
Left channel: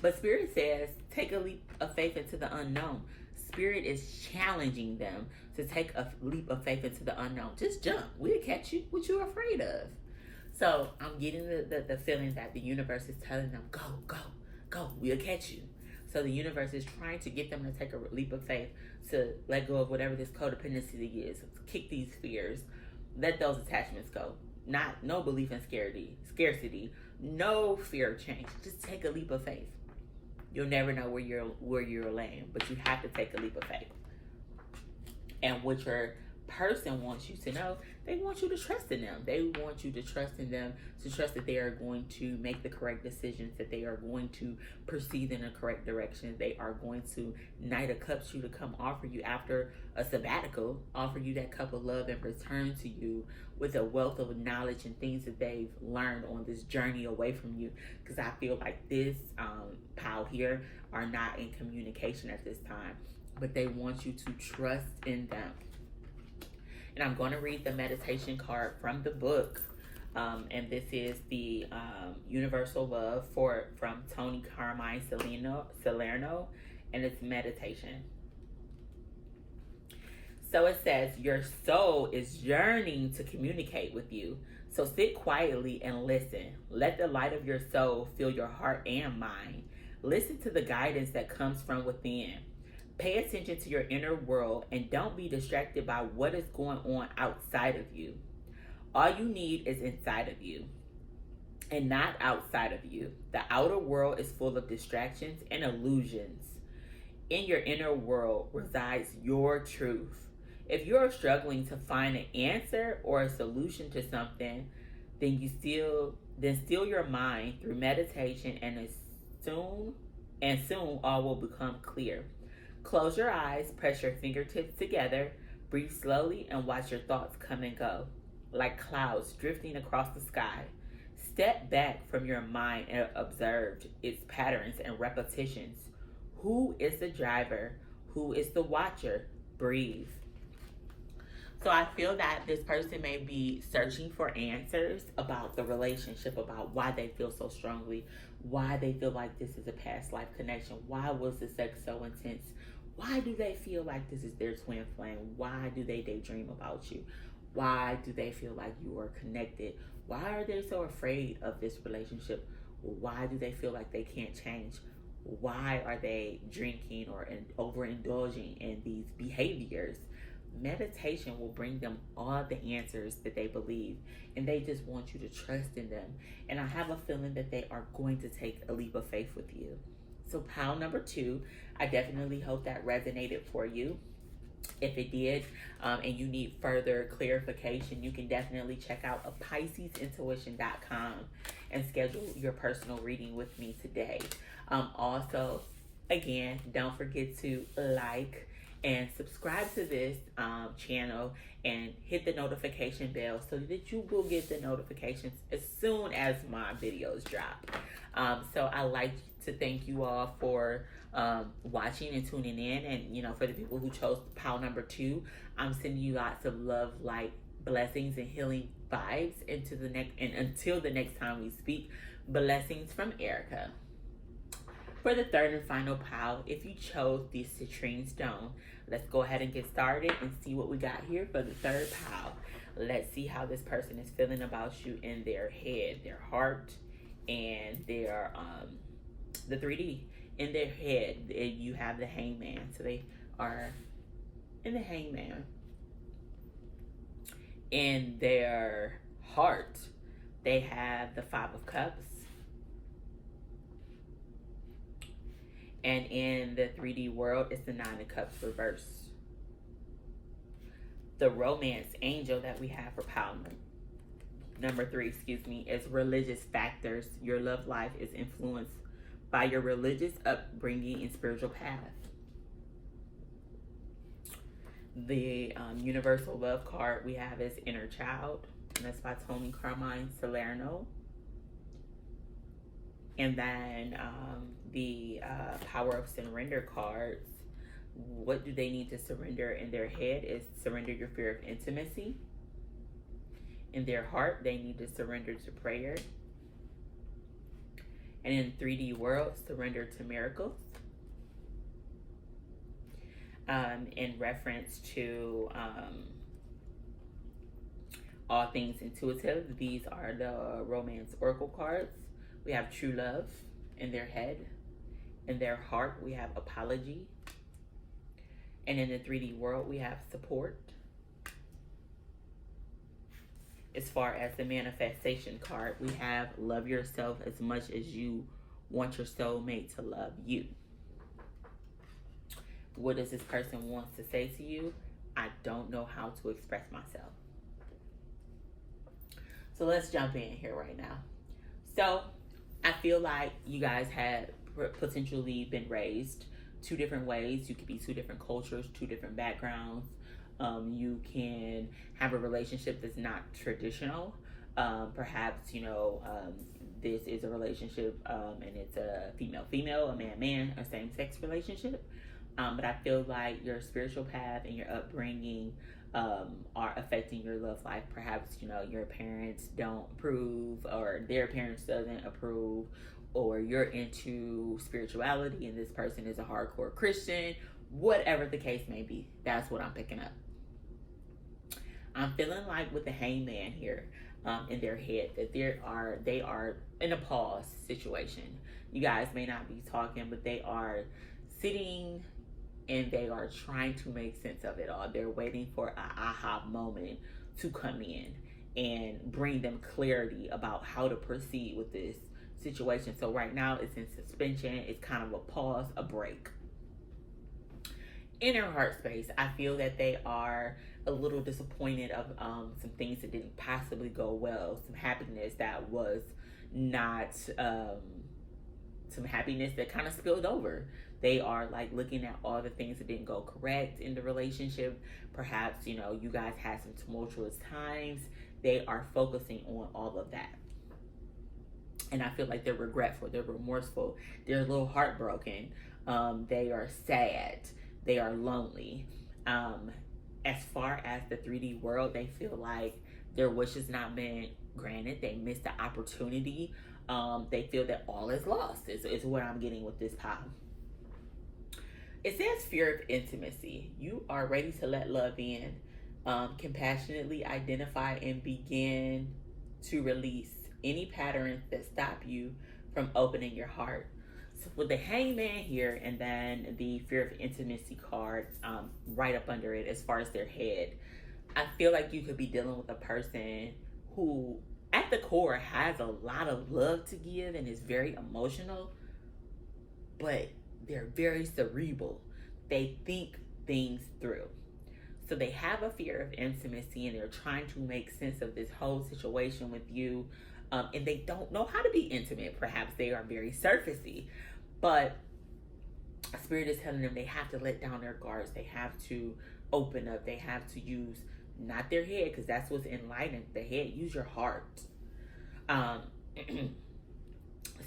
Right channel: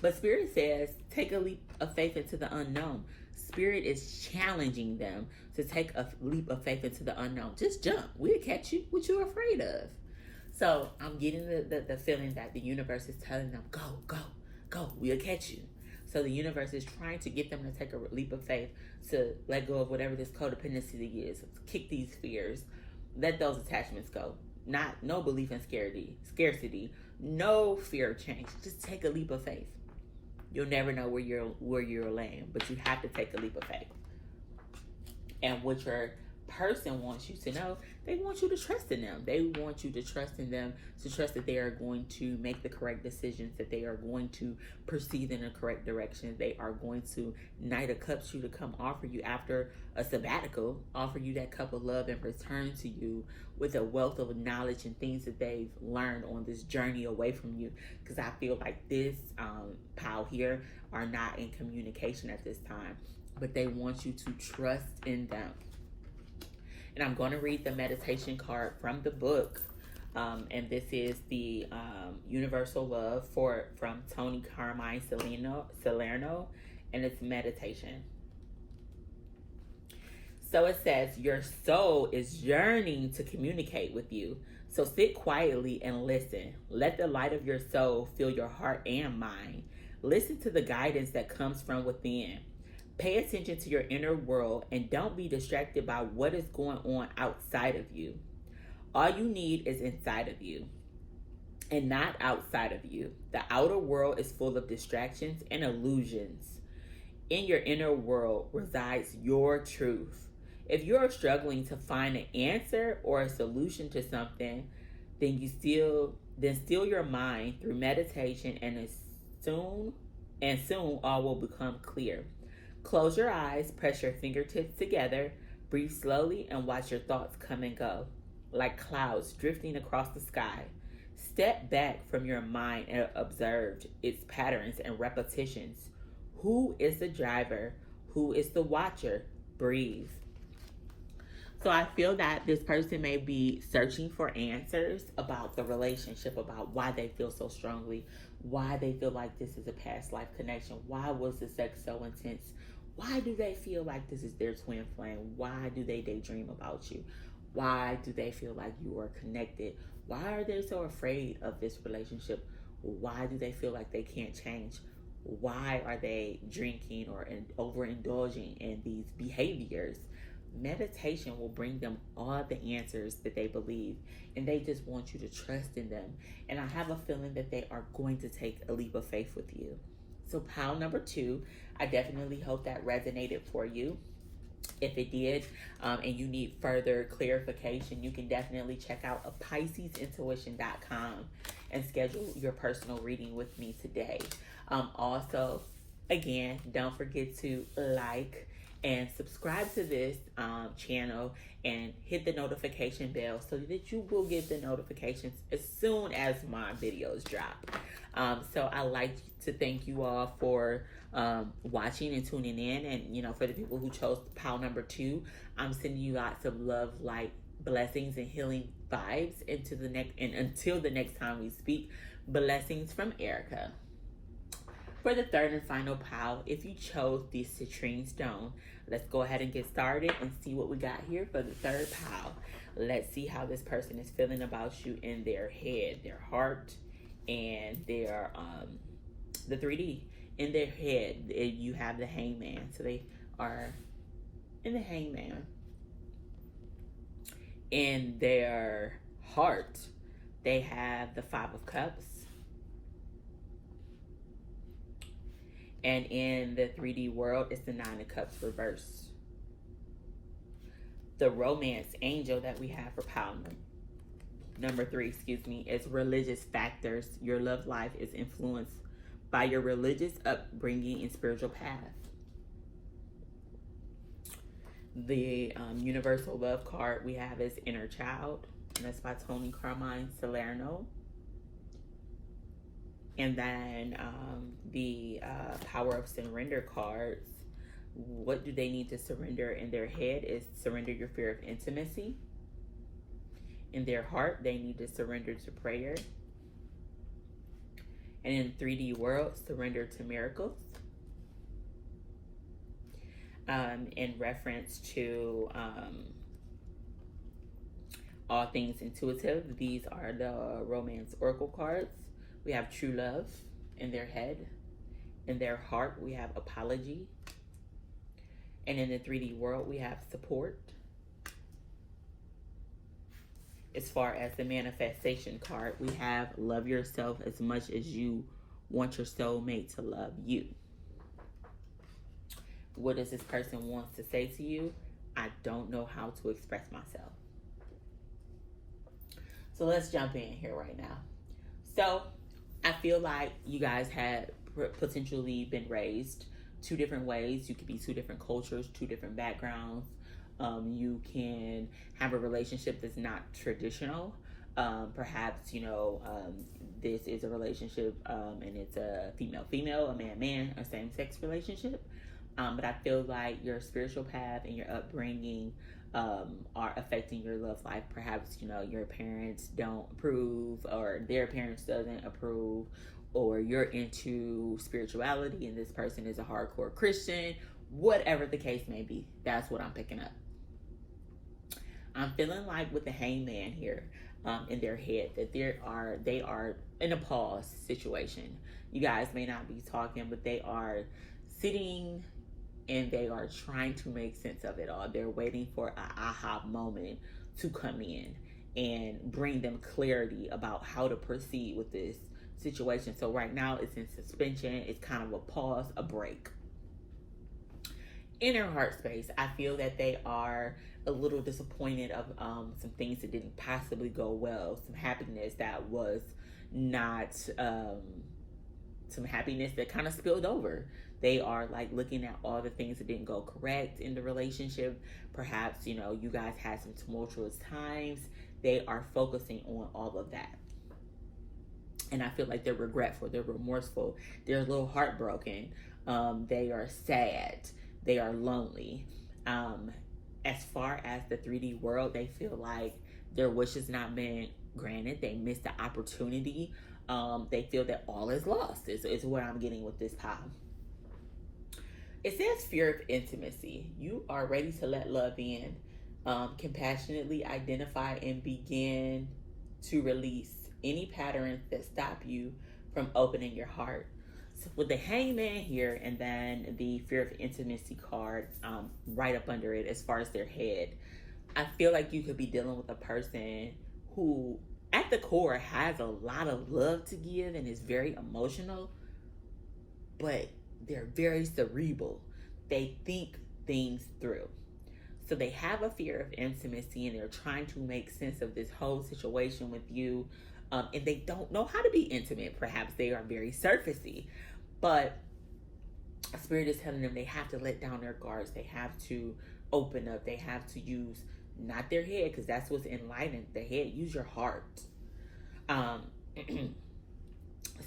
But Spirit says, take a leap of faith into the unknown. Spirit is challenging them to take a leap of faith into the unknown. Just jump. We'll catch you. What you afraid of? So I'm getting the feeling that the universe is telling them, go, go, go. We'll catch you. So the universe is trying to get them to take a leap of faith, to let go of whatever this codependency is, kick these fears, let those attachments go. No belief in scarcity, no fear of change. Just take a leap of faith. You'll never know where you're laying, but you have to take a leap of faith. And what your person wants you to know, they want you to trust in them. They want you to trust in them, to trust that they are going to make the correct decisions, that they are going to proceed in the correct direction. They are going to Knight of Cups you to come offer you after a sabbatical, offer you that cup of love and return to you with a wealth of knowledge and things that they've learned on this journey away from you. Because I feel like this pile here are not in communication at this time, but they want you to trust in them. And I'm going to read the meditation card from the book. And this is the Universal Love from Tony Carmine Salerno, and it's meditation. So it says, your soul is yearning to communicate with you. So sit quietly and listen. Let the light of your soul fill your heart and mind. Listen to the guidance that comes from within. Pay attention to your inner world and don't be distracted by what is going on outside of you. All you need is inside of you and not outside of you. The outer world is full of distractions and illusions. In your inner world resides your truth. If you're struggling to find an answer or a solution to something, then still your mind through meditation, and soon all will become clear. Close your eyes, press your fingertips together, breathe slowly, and watch your thoughts come and go, like clouds drifting across the sky. Step back from your mind and observe its patterns and repetitions. Who is the driver? Who is the watcher? Breathe. So I feel that this person may be searching for answers about the relationship, about why they feel so strongly, why they feel like this is a past life connection, why was the sex so intense, why do they feel like this is their twin flame, why do they daydream about you, why do they feel like you are connected, why are they so afraid of this relationship, why do they feel like they can't change, why are they drinking or overindulging in these behaviors. Meditation will bring them all the answers that they believe, and they just want you to trust in them. And I have a feeling that they are going to take a leap of faith with you. So pile number 2, I definitely hope that resonated for you. If it did, and you need further clarification, you can definitely check out PiscesIntuition.com and schedule your personal reading with me today. Also, again, don't forget to like and subscribe to this channel and hit the notification bell so that you will get the notifications as soon as my videos drop. So I like to thank you all for watching and tuning in, and for the people who chose pile number 2, I'm sending you lots of love, light, blessings, and healing vibes into the next, and until the next time we speak, blessings from Erika. For the third and final pile, if you chose the citrine stone, let's go ahead and get started and see what we got here for the third pile. Let's see how this person is feeling about you in their head, their heart, and their the 3D. In their head, you have the hangman. So they are in the hangman. In their heart, they have the 5 of Cups. And in the 3D world, it's the 9 of Cups reversed. The romance angel that we have for pile number 3, is religious factors. Your love life is influenced by your religious upbringing and spiritual path. The universal love card we have is Inner Child, and that's by Tony Carmine Salerno. And then the Power of Surrender cards, what do they need to surrender in their head is surrender your fear of intimacy. In their heart, they need to surrender to prayer. And in 3D world, surrender to miracles. In reference to all things intuitive, these are the romance oracle cards. We have true love in their head. In their heart, we have apology. And in the 3D world, we have support. As far as the manifestation card, we have love yourself as much as you want your soulmate to love you. What does this person want to say to you? I don't know how to express myself. So let's jump in here right now. So I feel like you guys had potentially been raised two different ways. You could be two different cultures, two different backgrounds. You can have a relationship that's not traditional. Perhaps, this is a relationship and it's a female-female, a man-man, a same-sex relationship. But I feel like your spiritual path and your upbringing are affecting your love life. Perhaps, your parents don't approve, or their parents doesn't approve, or you're into spirituality and this person is a hardcore Christian. Whatever the case may be, that's what I'm picking up. I'm feeling like with the hangman here in their head that they are in a pause situation. You guys may not be talking, but they are sitting and they are trying to make sense of it all. They're waiting for an aha moment to come in and bring them clarity about how to proceed with this situation. So right now it's in suspension. It's kind of a pause, a break. In their heart space, I feel that they are a little disappointed of some things that didn't possibly go well, some happiness that was not, some happiness that kind of spilled over. They are like looking at all the things that didn't go correct in the relationship. Perhaps, you guys had some tumultuous times. They are focusing on all of that. And I feel like they're regretful, they're remorseful, they're a little heartbroken. They are sad, they are lonely. As far as the 3D world, they feel like their wish has not been granted. They missed the opportunity. They feel that all is lost, is what I'm getting with this pile. It says fear of intimacy. You are ready to let love in. Compassionately identify and begin to release any patterns that stop you from opening your heart. So with the hangman here, and then the fear of intimacy card right up under it as far as their head, I feel like you could be dealing with a person who at the core has a lot of love to give and is very emotional, but they're very cerebral. They think things through. So they have a fear of intimacy and they're trying to make sense of this whole situation with you. And they don't know how to be intimate. Perhaps they are very surfacey. But Spirit is telling them they have to let down their guards. They have to open up. They have to use not their head, because that's what's enlightened. The head, use your heart.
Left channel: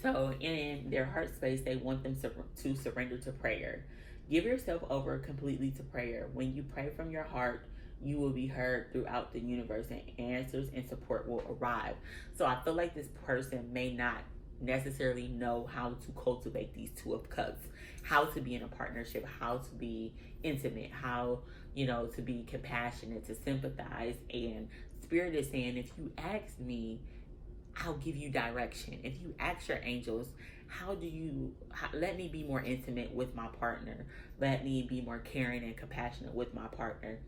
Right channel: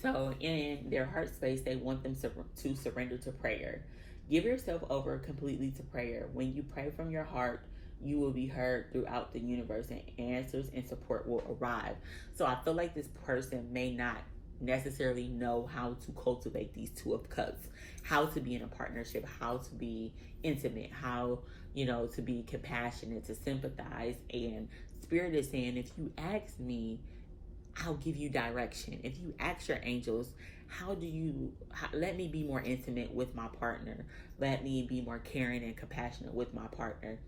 So in their heart space, they want them to surrender to prayer. Give yourself over completely to prayer. When you pray from your heart, you will be heard throughout the universe, and answers and support will arrive. So I feel like this person may not necessarily know how to cultivate these Two of Cups, how to be in a partnership, how to be intimate, how, to be compassionate, to sympathize. And Spirit is saying, if you ask me, I'll give you direction. If you ask your angels, let me be more intimate with my partner. Let me be more caring and compassionate with my partner.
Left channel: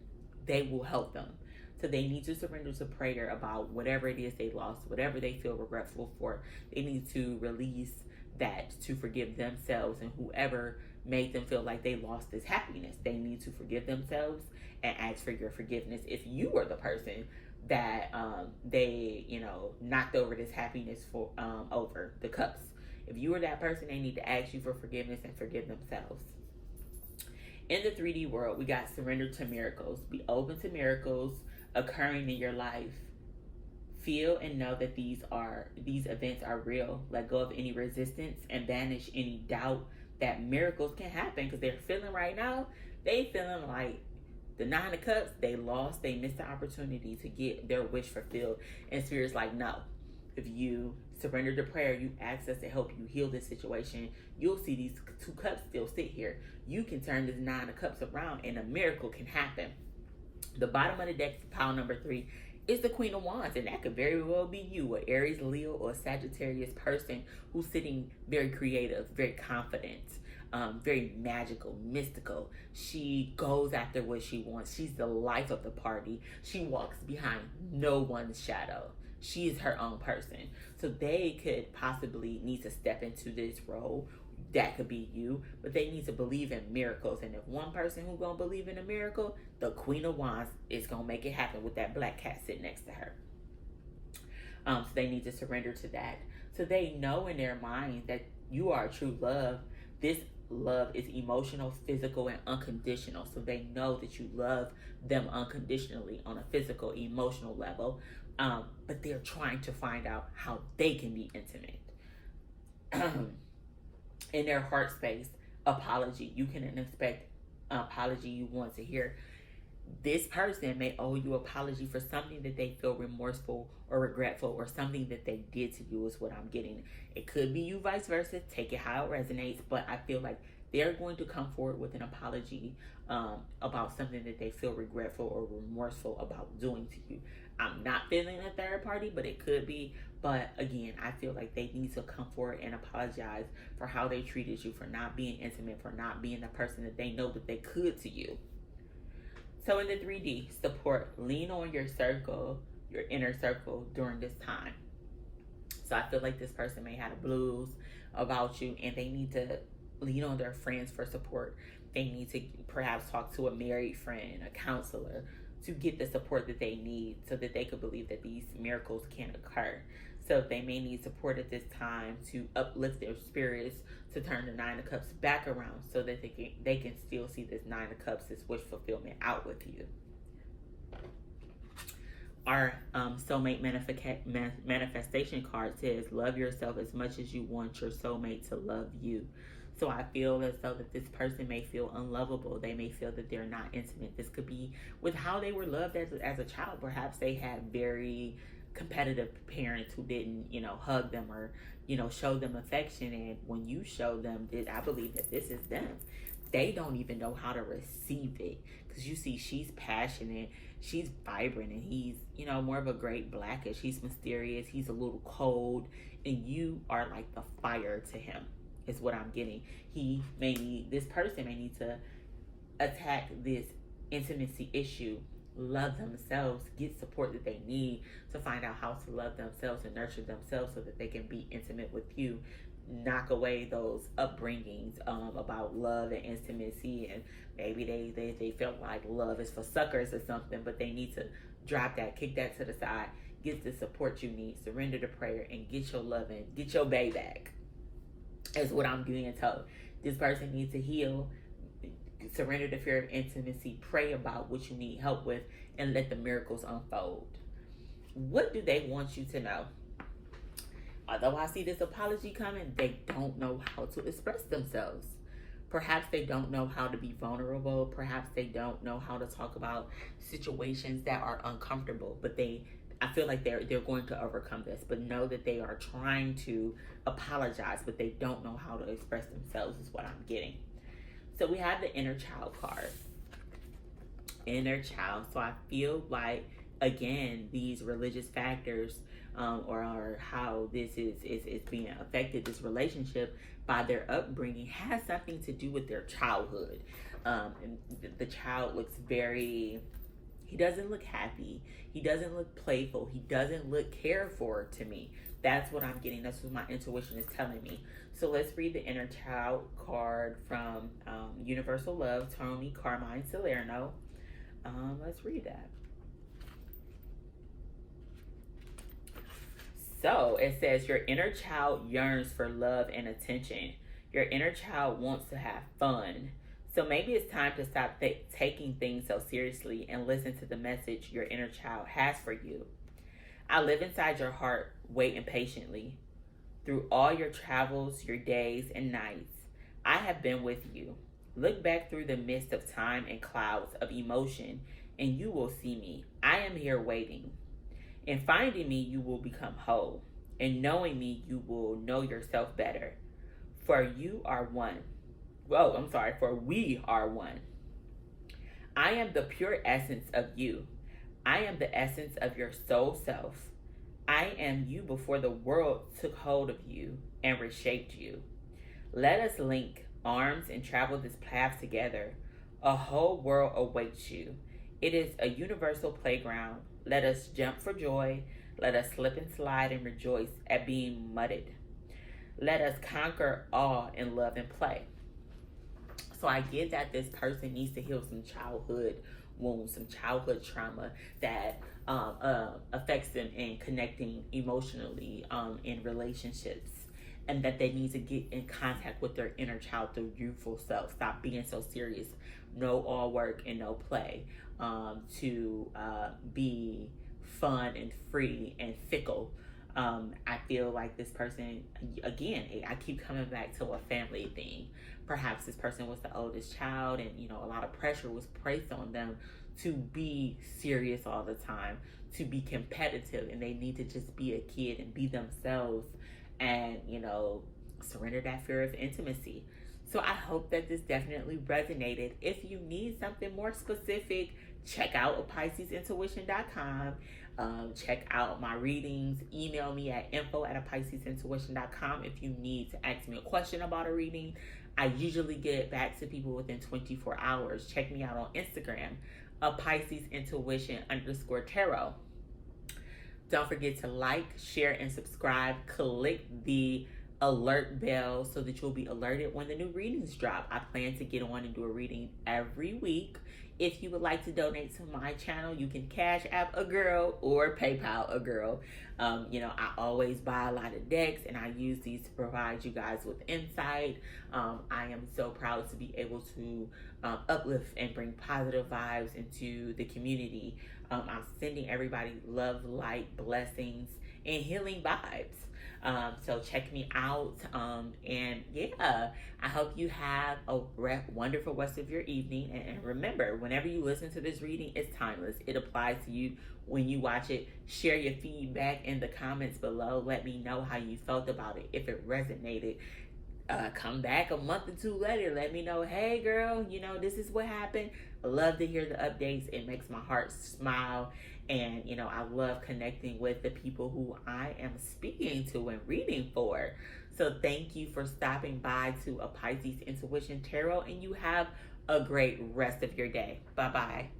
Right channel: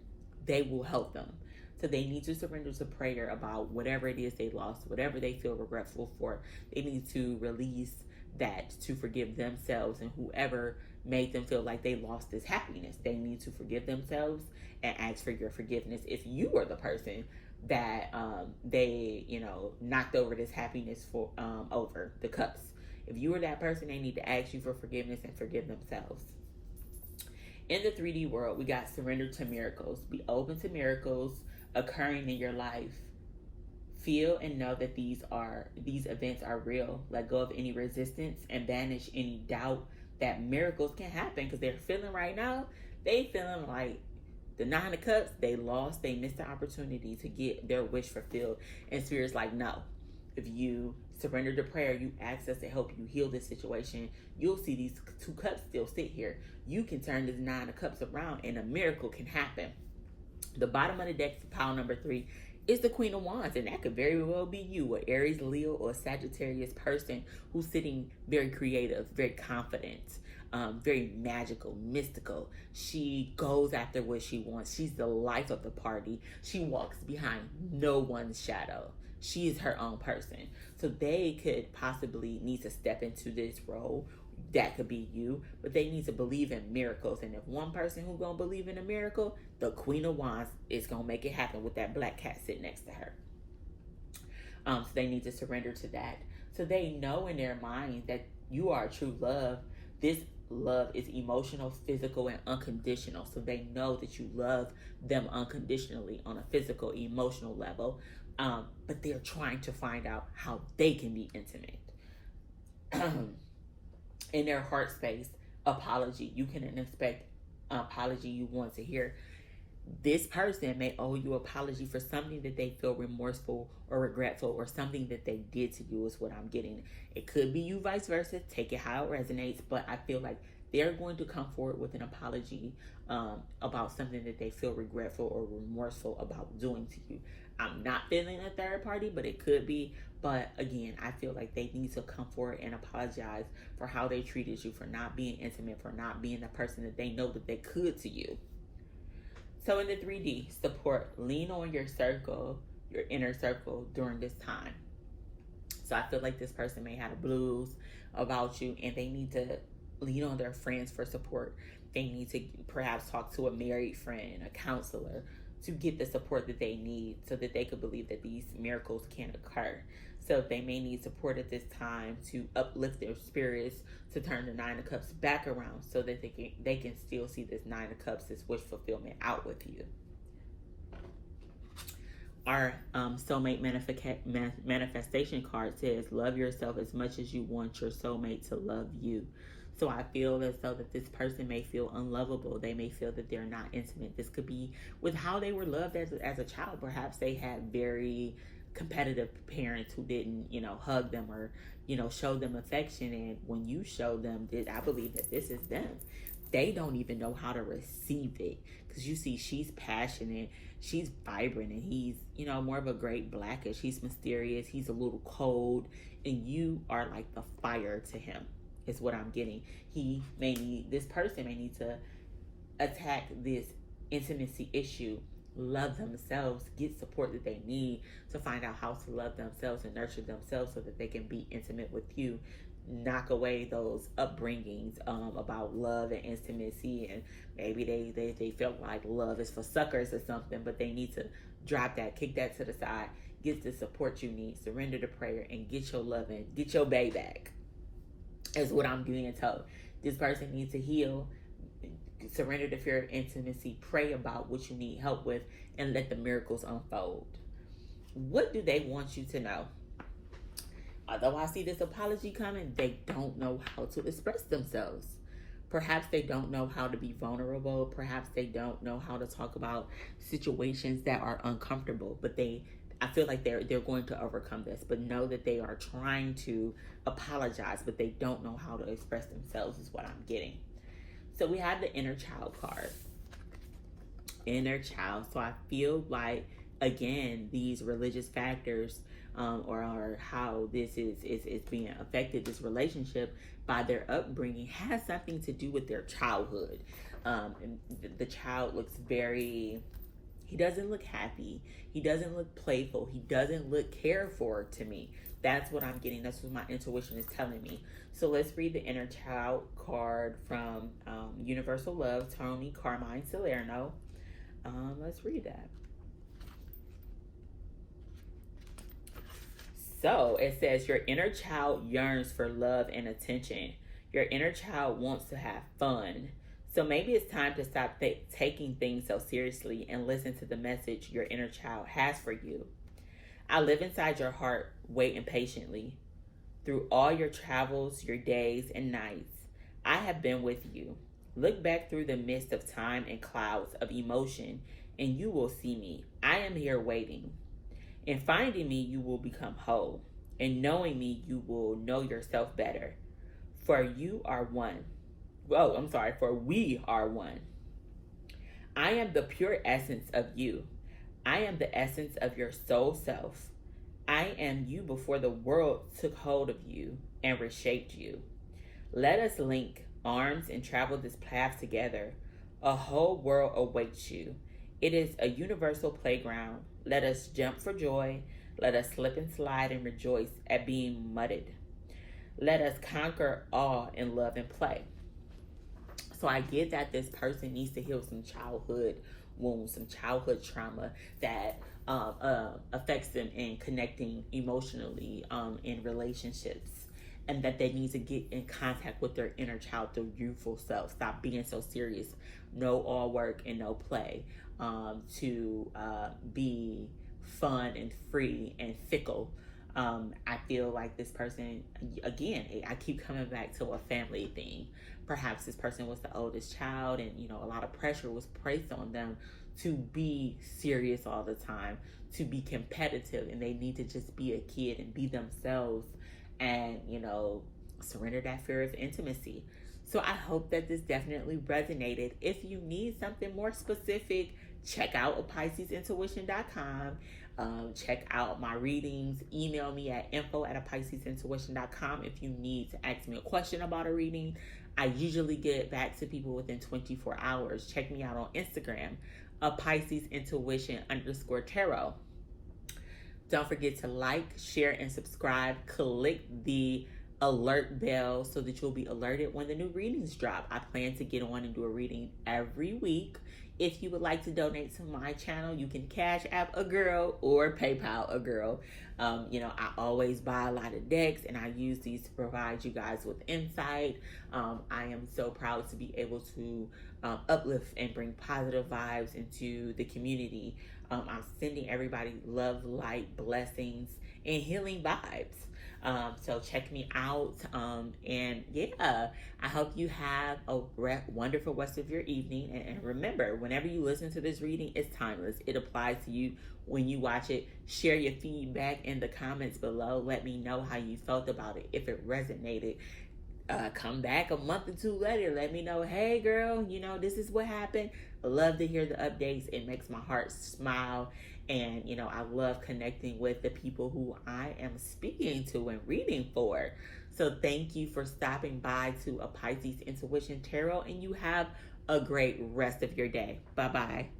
They will help them. So they need to surrender to prayer about whatever it is they lost, whatever they feel regretful for. They need to release that, to forgive themselves and whoever made them feel like they lost this happiness. They need to forgive themselves and ask for your forgiveness. If you were the person that they, knocked over this happiness for over the cups. If you were that person, they need to ask you for forgiveness and forgive themselves. In the 3D world, we got surrender to miracles. Be open to miracles occurring in your life. Feel and know that these events are real. Let go of any resistance and banish any doubt that miracles can happen, because they're feeling right now, they feeling like the Nine of Cups, they lost, they missed the opportunity to get their wish fulfilled. And Spirit's like, no. If you surrender to prayer, you ask us to help you heal this situation, you'll see these 2 cups still sit here. You can turn this 9 of Cups around and a miracle can happen. The bottom of the deck, pile number 3, is the Queen of Wands, and that could very well be you, an Aries, Leo, or Sagittarius person who's sitting very creative, very confident, very magical, mystical. She goes after what she wants. She's the life of the party. She walks behind no one's shadow. She is her own person. So they could possibly need to step into this role. That could be you, but they need to believe in miracles. And if one person who's gonna believe in a miracle, the Queen of Wands is gonna make it happen with that black cat sitting next to her. So they need to surrender to that. So they know in their mind that you are true love. This love is emotional, physical, and unconditional. So they know that you love them unconditionally on a physical, emotional level. But they're trying to find out how they can be intimate. In their heart space, apology. You can expect an apology you want to hear. This person may owe you apology for something that they feel remorseful or regretful, or something that they did to you, is what I'm getting. It could be you, vice versa. Take it how it resonates, but I feel like they're going to come forward with an apology about something that they feel regretful or remorseful about doing to you. I'm not feeling a third party, but it could be. But again, I feel like they need to come forward and apologize for how they treated you, for not being intimate, for not being the person that they know that they could to you. So in the 3D, support, lean on your circle, your inner circle during this time. So I feel like this person may have blues about you, and they need to lean on their friends for support. They need to perhaps talk to a married friend, a counselor, to get the support that they need so that they could believe that these miracles can occur. So they may need support at this time to uplift their spirits, to turn the 9 of Cups back around so that they can still see this 9 of Cups, this wish fulfillment out with you. Our soulmate manifestation card says, love yourself as much as you want your soulmate to love you. So I feel as though that this person may feel unlovable. They may feel that they're not intimate. This could be with how they were loved as a child. Perhaps they had very competitive parents who didn't, hug them or, show them affection. And when you show them this, I believe that this is them. They don't even know how to receive it. Because you see, she's passionate, she's vibrant, and he's, more of a great blackish. He's mysterious, he's a little cold, and you are like the fire to him, is what I'm getting. This person may need to attack this intimacy issue, love themselves, get support that they need to find out how to love themselves and nurture themselves so that they can be intimate with you. Knock away those upbringings about love and intimacy, and maybe they feel like love is for suckers or something, but they need to drop that, kick that to the side, get the support you need, surrender to prayer, and get your love and get your bae back, is what I'm being told. This person needs to heal, surrender the fear of intimacy, pray about what you need help with, and let the miracles unfold. What do they want you to know? Although I see this apology coming, they don't know how to express themselves. Perhaps they don't know how to be vulnerable. Perhaps they don't know how to talk about situations that are uncomfortable. But I feel like they're going to overcome this. But know that they are trying to apologize, but they don't know how to express themselves, is what I'm getting. So we have the inner child card. Inner child. So I feel like, again, these religious factors or how this is being affected, this relationship, by their upbringing, has something to do with their childhood. The child looks he doesn't look happy. He doesn't look playful. He doesn't look cared for to me. That's what I'm getting. That's what my intuition is telling me. So let's read the inner child card from Universal Love, Tony Carmine Salerno. Let's read that. So it says, your inner child yearns for love and attention. Your inner child wants to have fun. So maybe it's time to stop taking things so seriously and listen to the message your inner child has for you. I live inside your heart, waiting patiently. Through all your travels, your days, and nights, I have been with you. Look back through the mist of time and clouds of emotion, and you will see me. I am here waiting. In finding me, you will become whole. In knowing me, you will know yourself better. For you are one. For we are one. I am the pure essence of you. I am the essence of your soul self. I am you before the world took hold of you and reshaped you. Let us link arms and travel this path together. A whole world awaits you. It is a universal playground. Let us jump for joy. Let us slip and slide and rejoice at being mudded. Let us conquer awe and love and play. So I get that this person needs to heal some childhood wounds, some childhood trauma that affects them in connecting emotionally in relationships, and that they need to get in contact with their inner child, their youthful self. Stop being so serious. No all work and no play. To be fun and free and fickle. I feel like this person, again, I keep coming back to a family thing. Perhaps this person was the oldest child, and a lot of pressure was placed on them to be serious all the time, to be competitive, and they need to just be a kid and be themselves and surrender that fear of intimacy. So I hope that this definitely resonated. If you need something more specific, check out APiscesintuition.com. Check out my readings. Email me at info@APiscesintuition.com if you need to ask me a question about a reading. I usually get back to people within 24 hours. Check me out on Instagram, APiscesintuition_tarot. Don't forget to like, share, and subscribe. Click the alert bell so that you'll be alerted when the new readings drop. I plan to get on and do a reading every week. If you would like to donate to my channel, you can Cash App a girl or PayPal a girl. I always buy a lot of decks, and I use these to provide you guys with insight. I am so proud to be able to uplift and bring positive vibes into the community. I'm sending everybody love, light, blessings, and healing vibes. So check me out. I hope you have a wonderful rest of your evening. And remember, whenever you listen to this reading, it's timeless. It applies to you when you watch it. Share your feedback in the comments below. Let me know how you felt about it. If it resonated, come back a month or two later. Let me know, hey girl, this is what happened. I love to hear the updates. It makes my heart smile. And, I love connecting with the people who I am speaking to and reading for. So thank you for stopping by to A Pisces Intuition Tarot, and you have a great rest of your day. Bye-bye.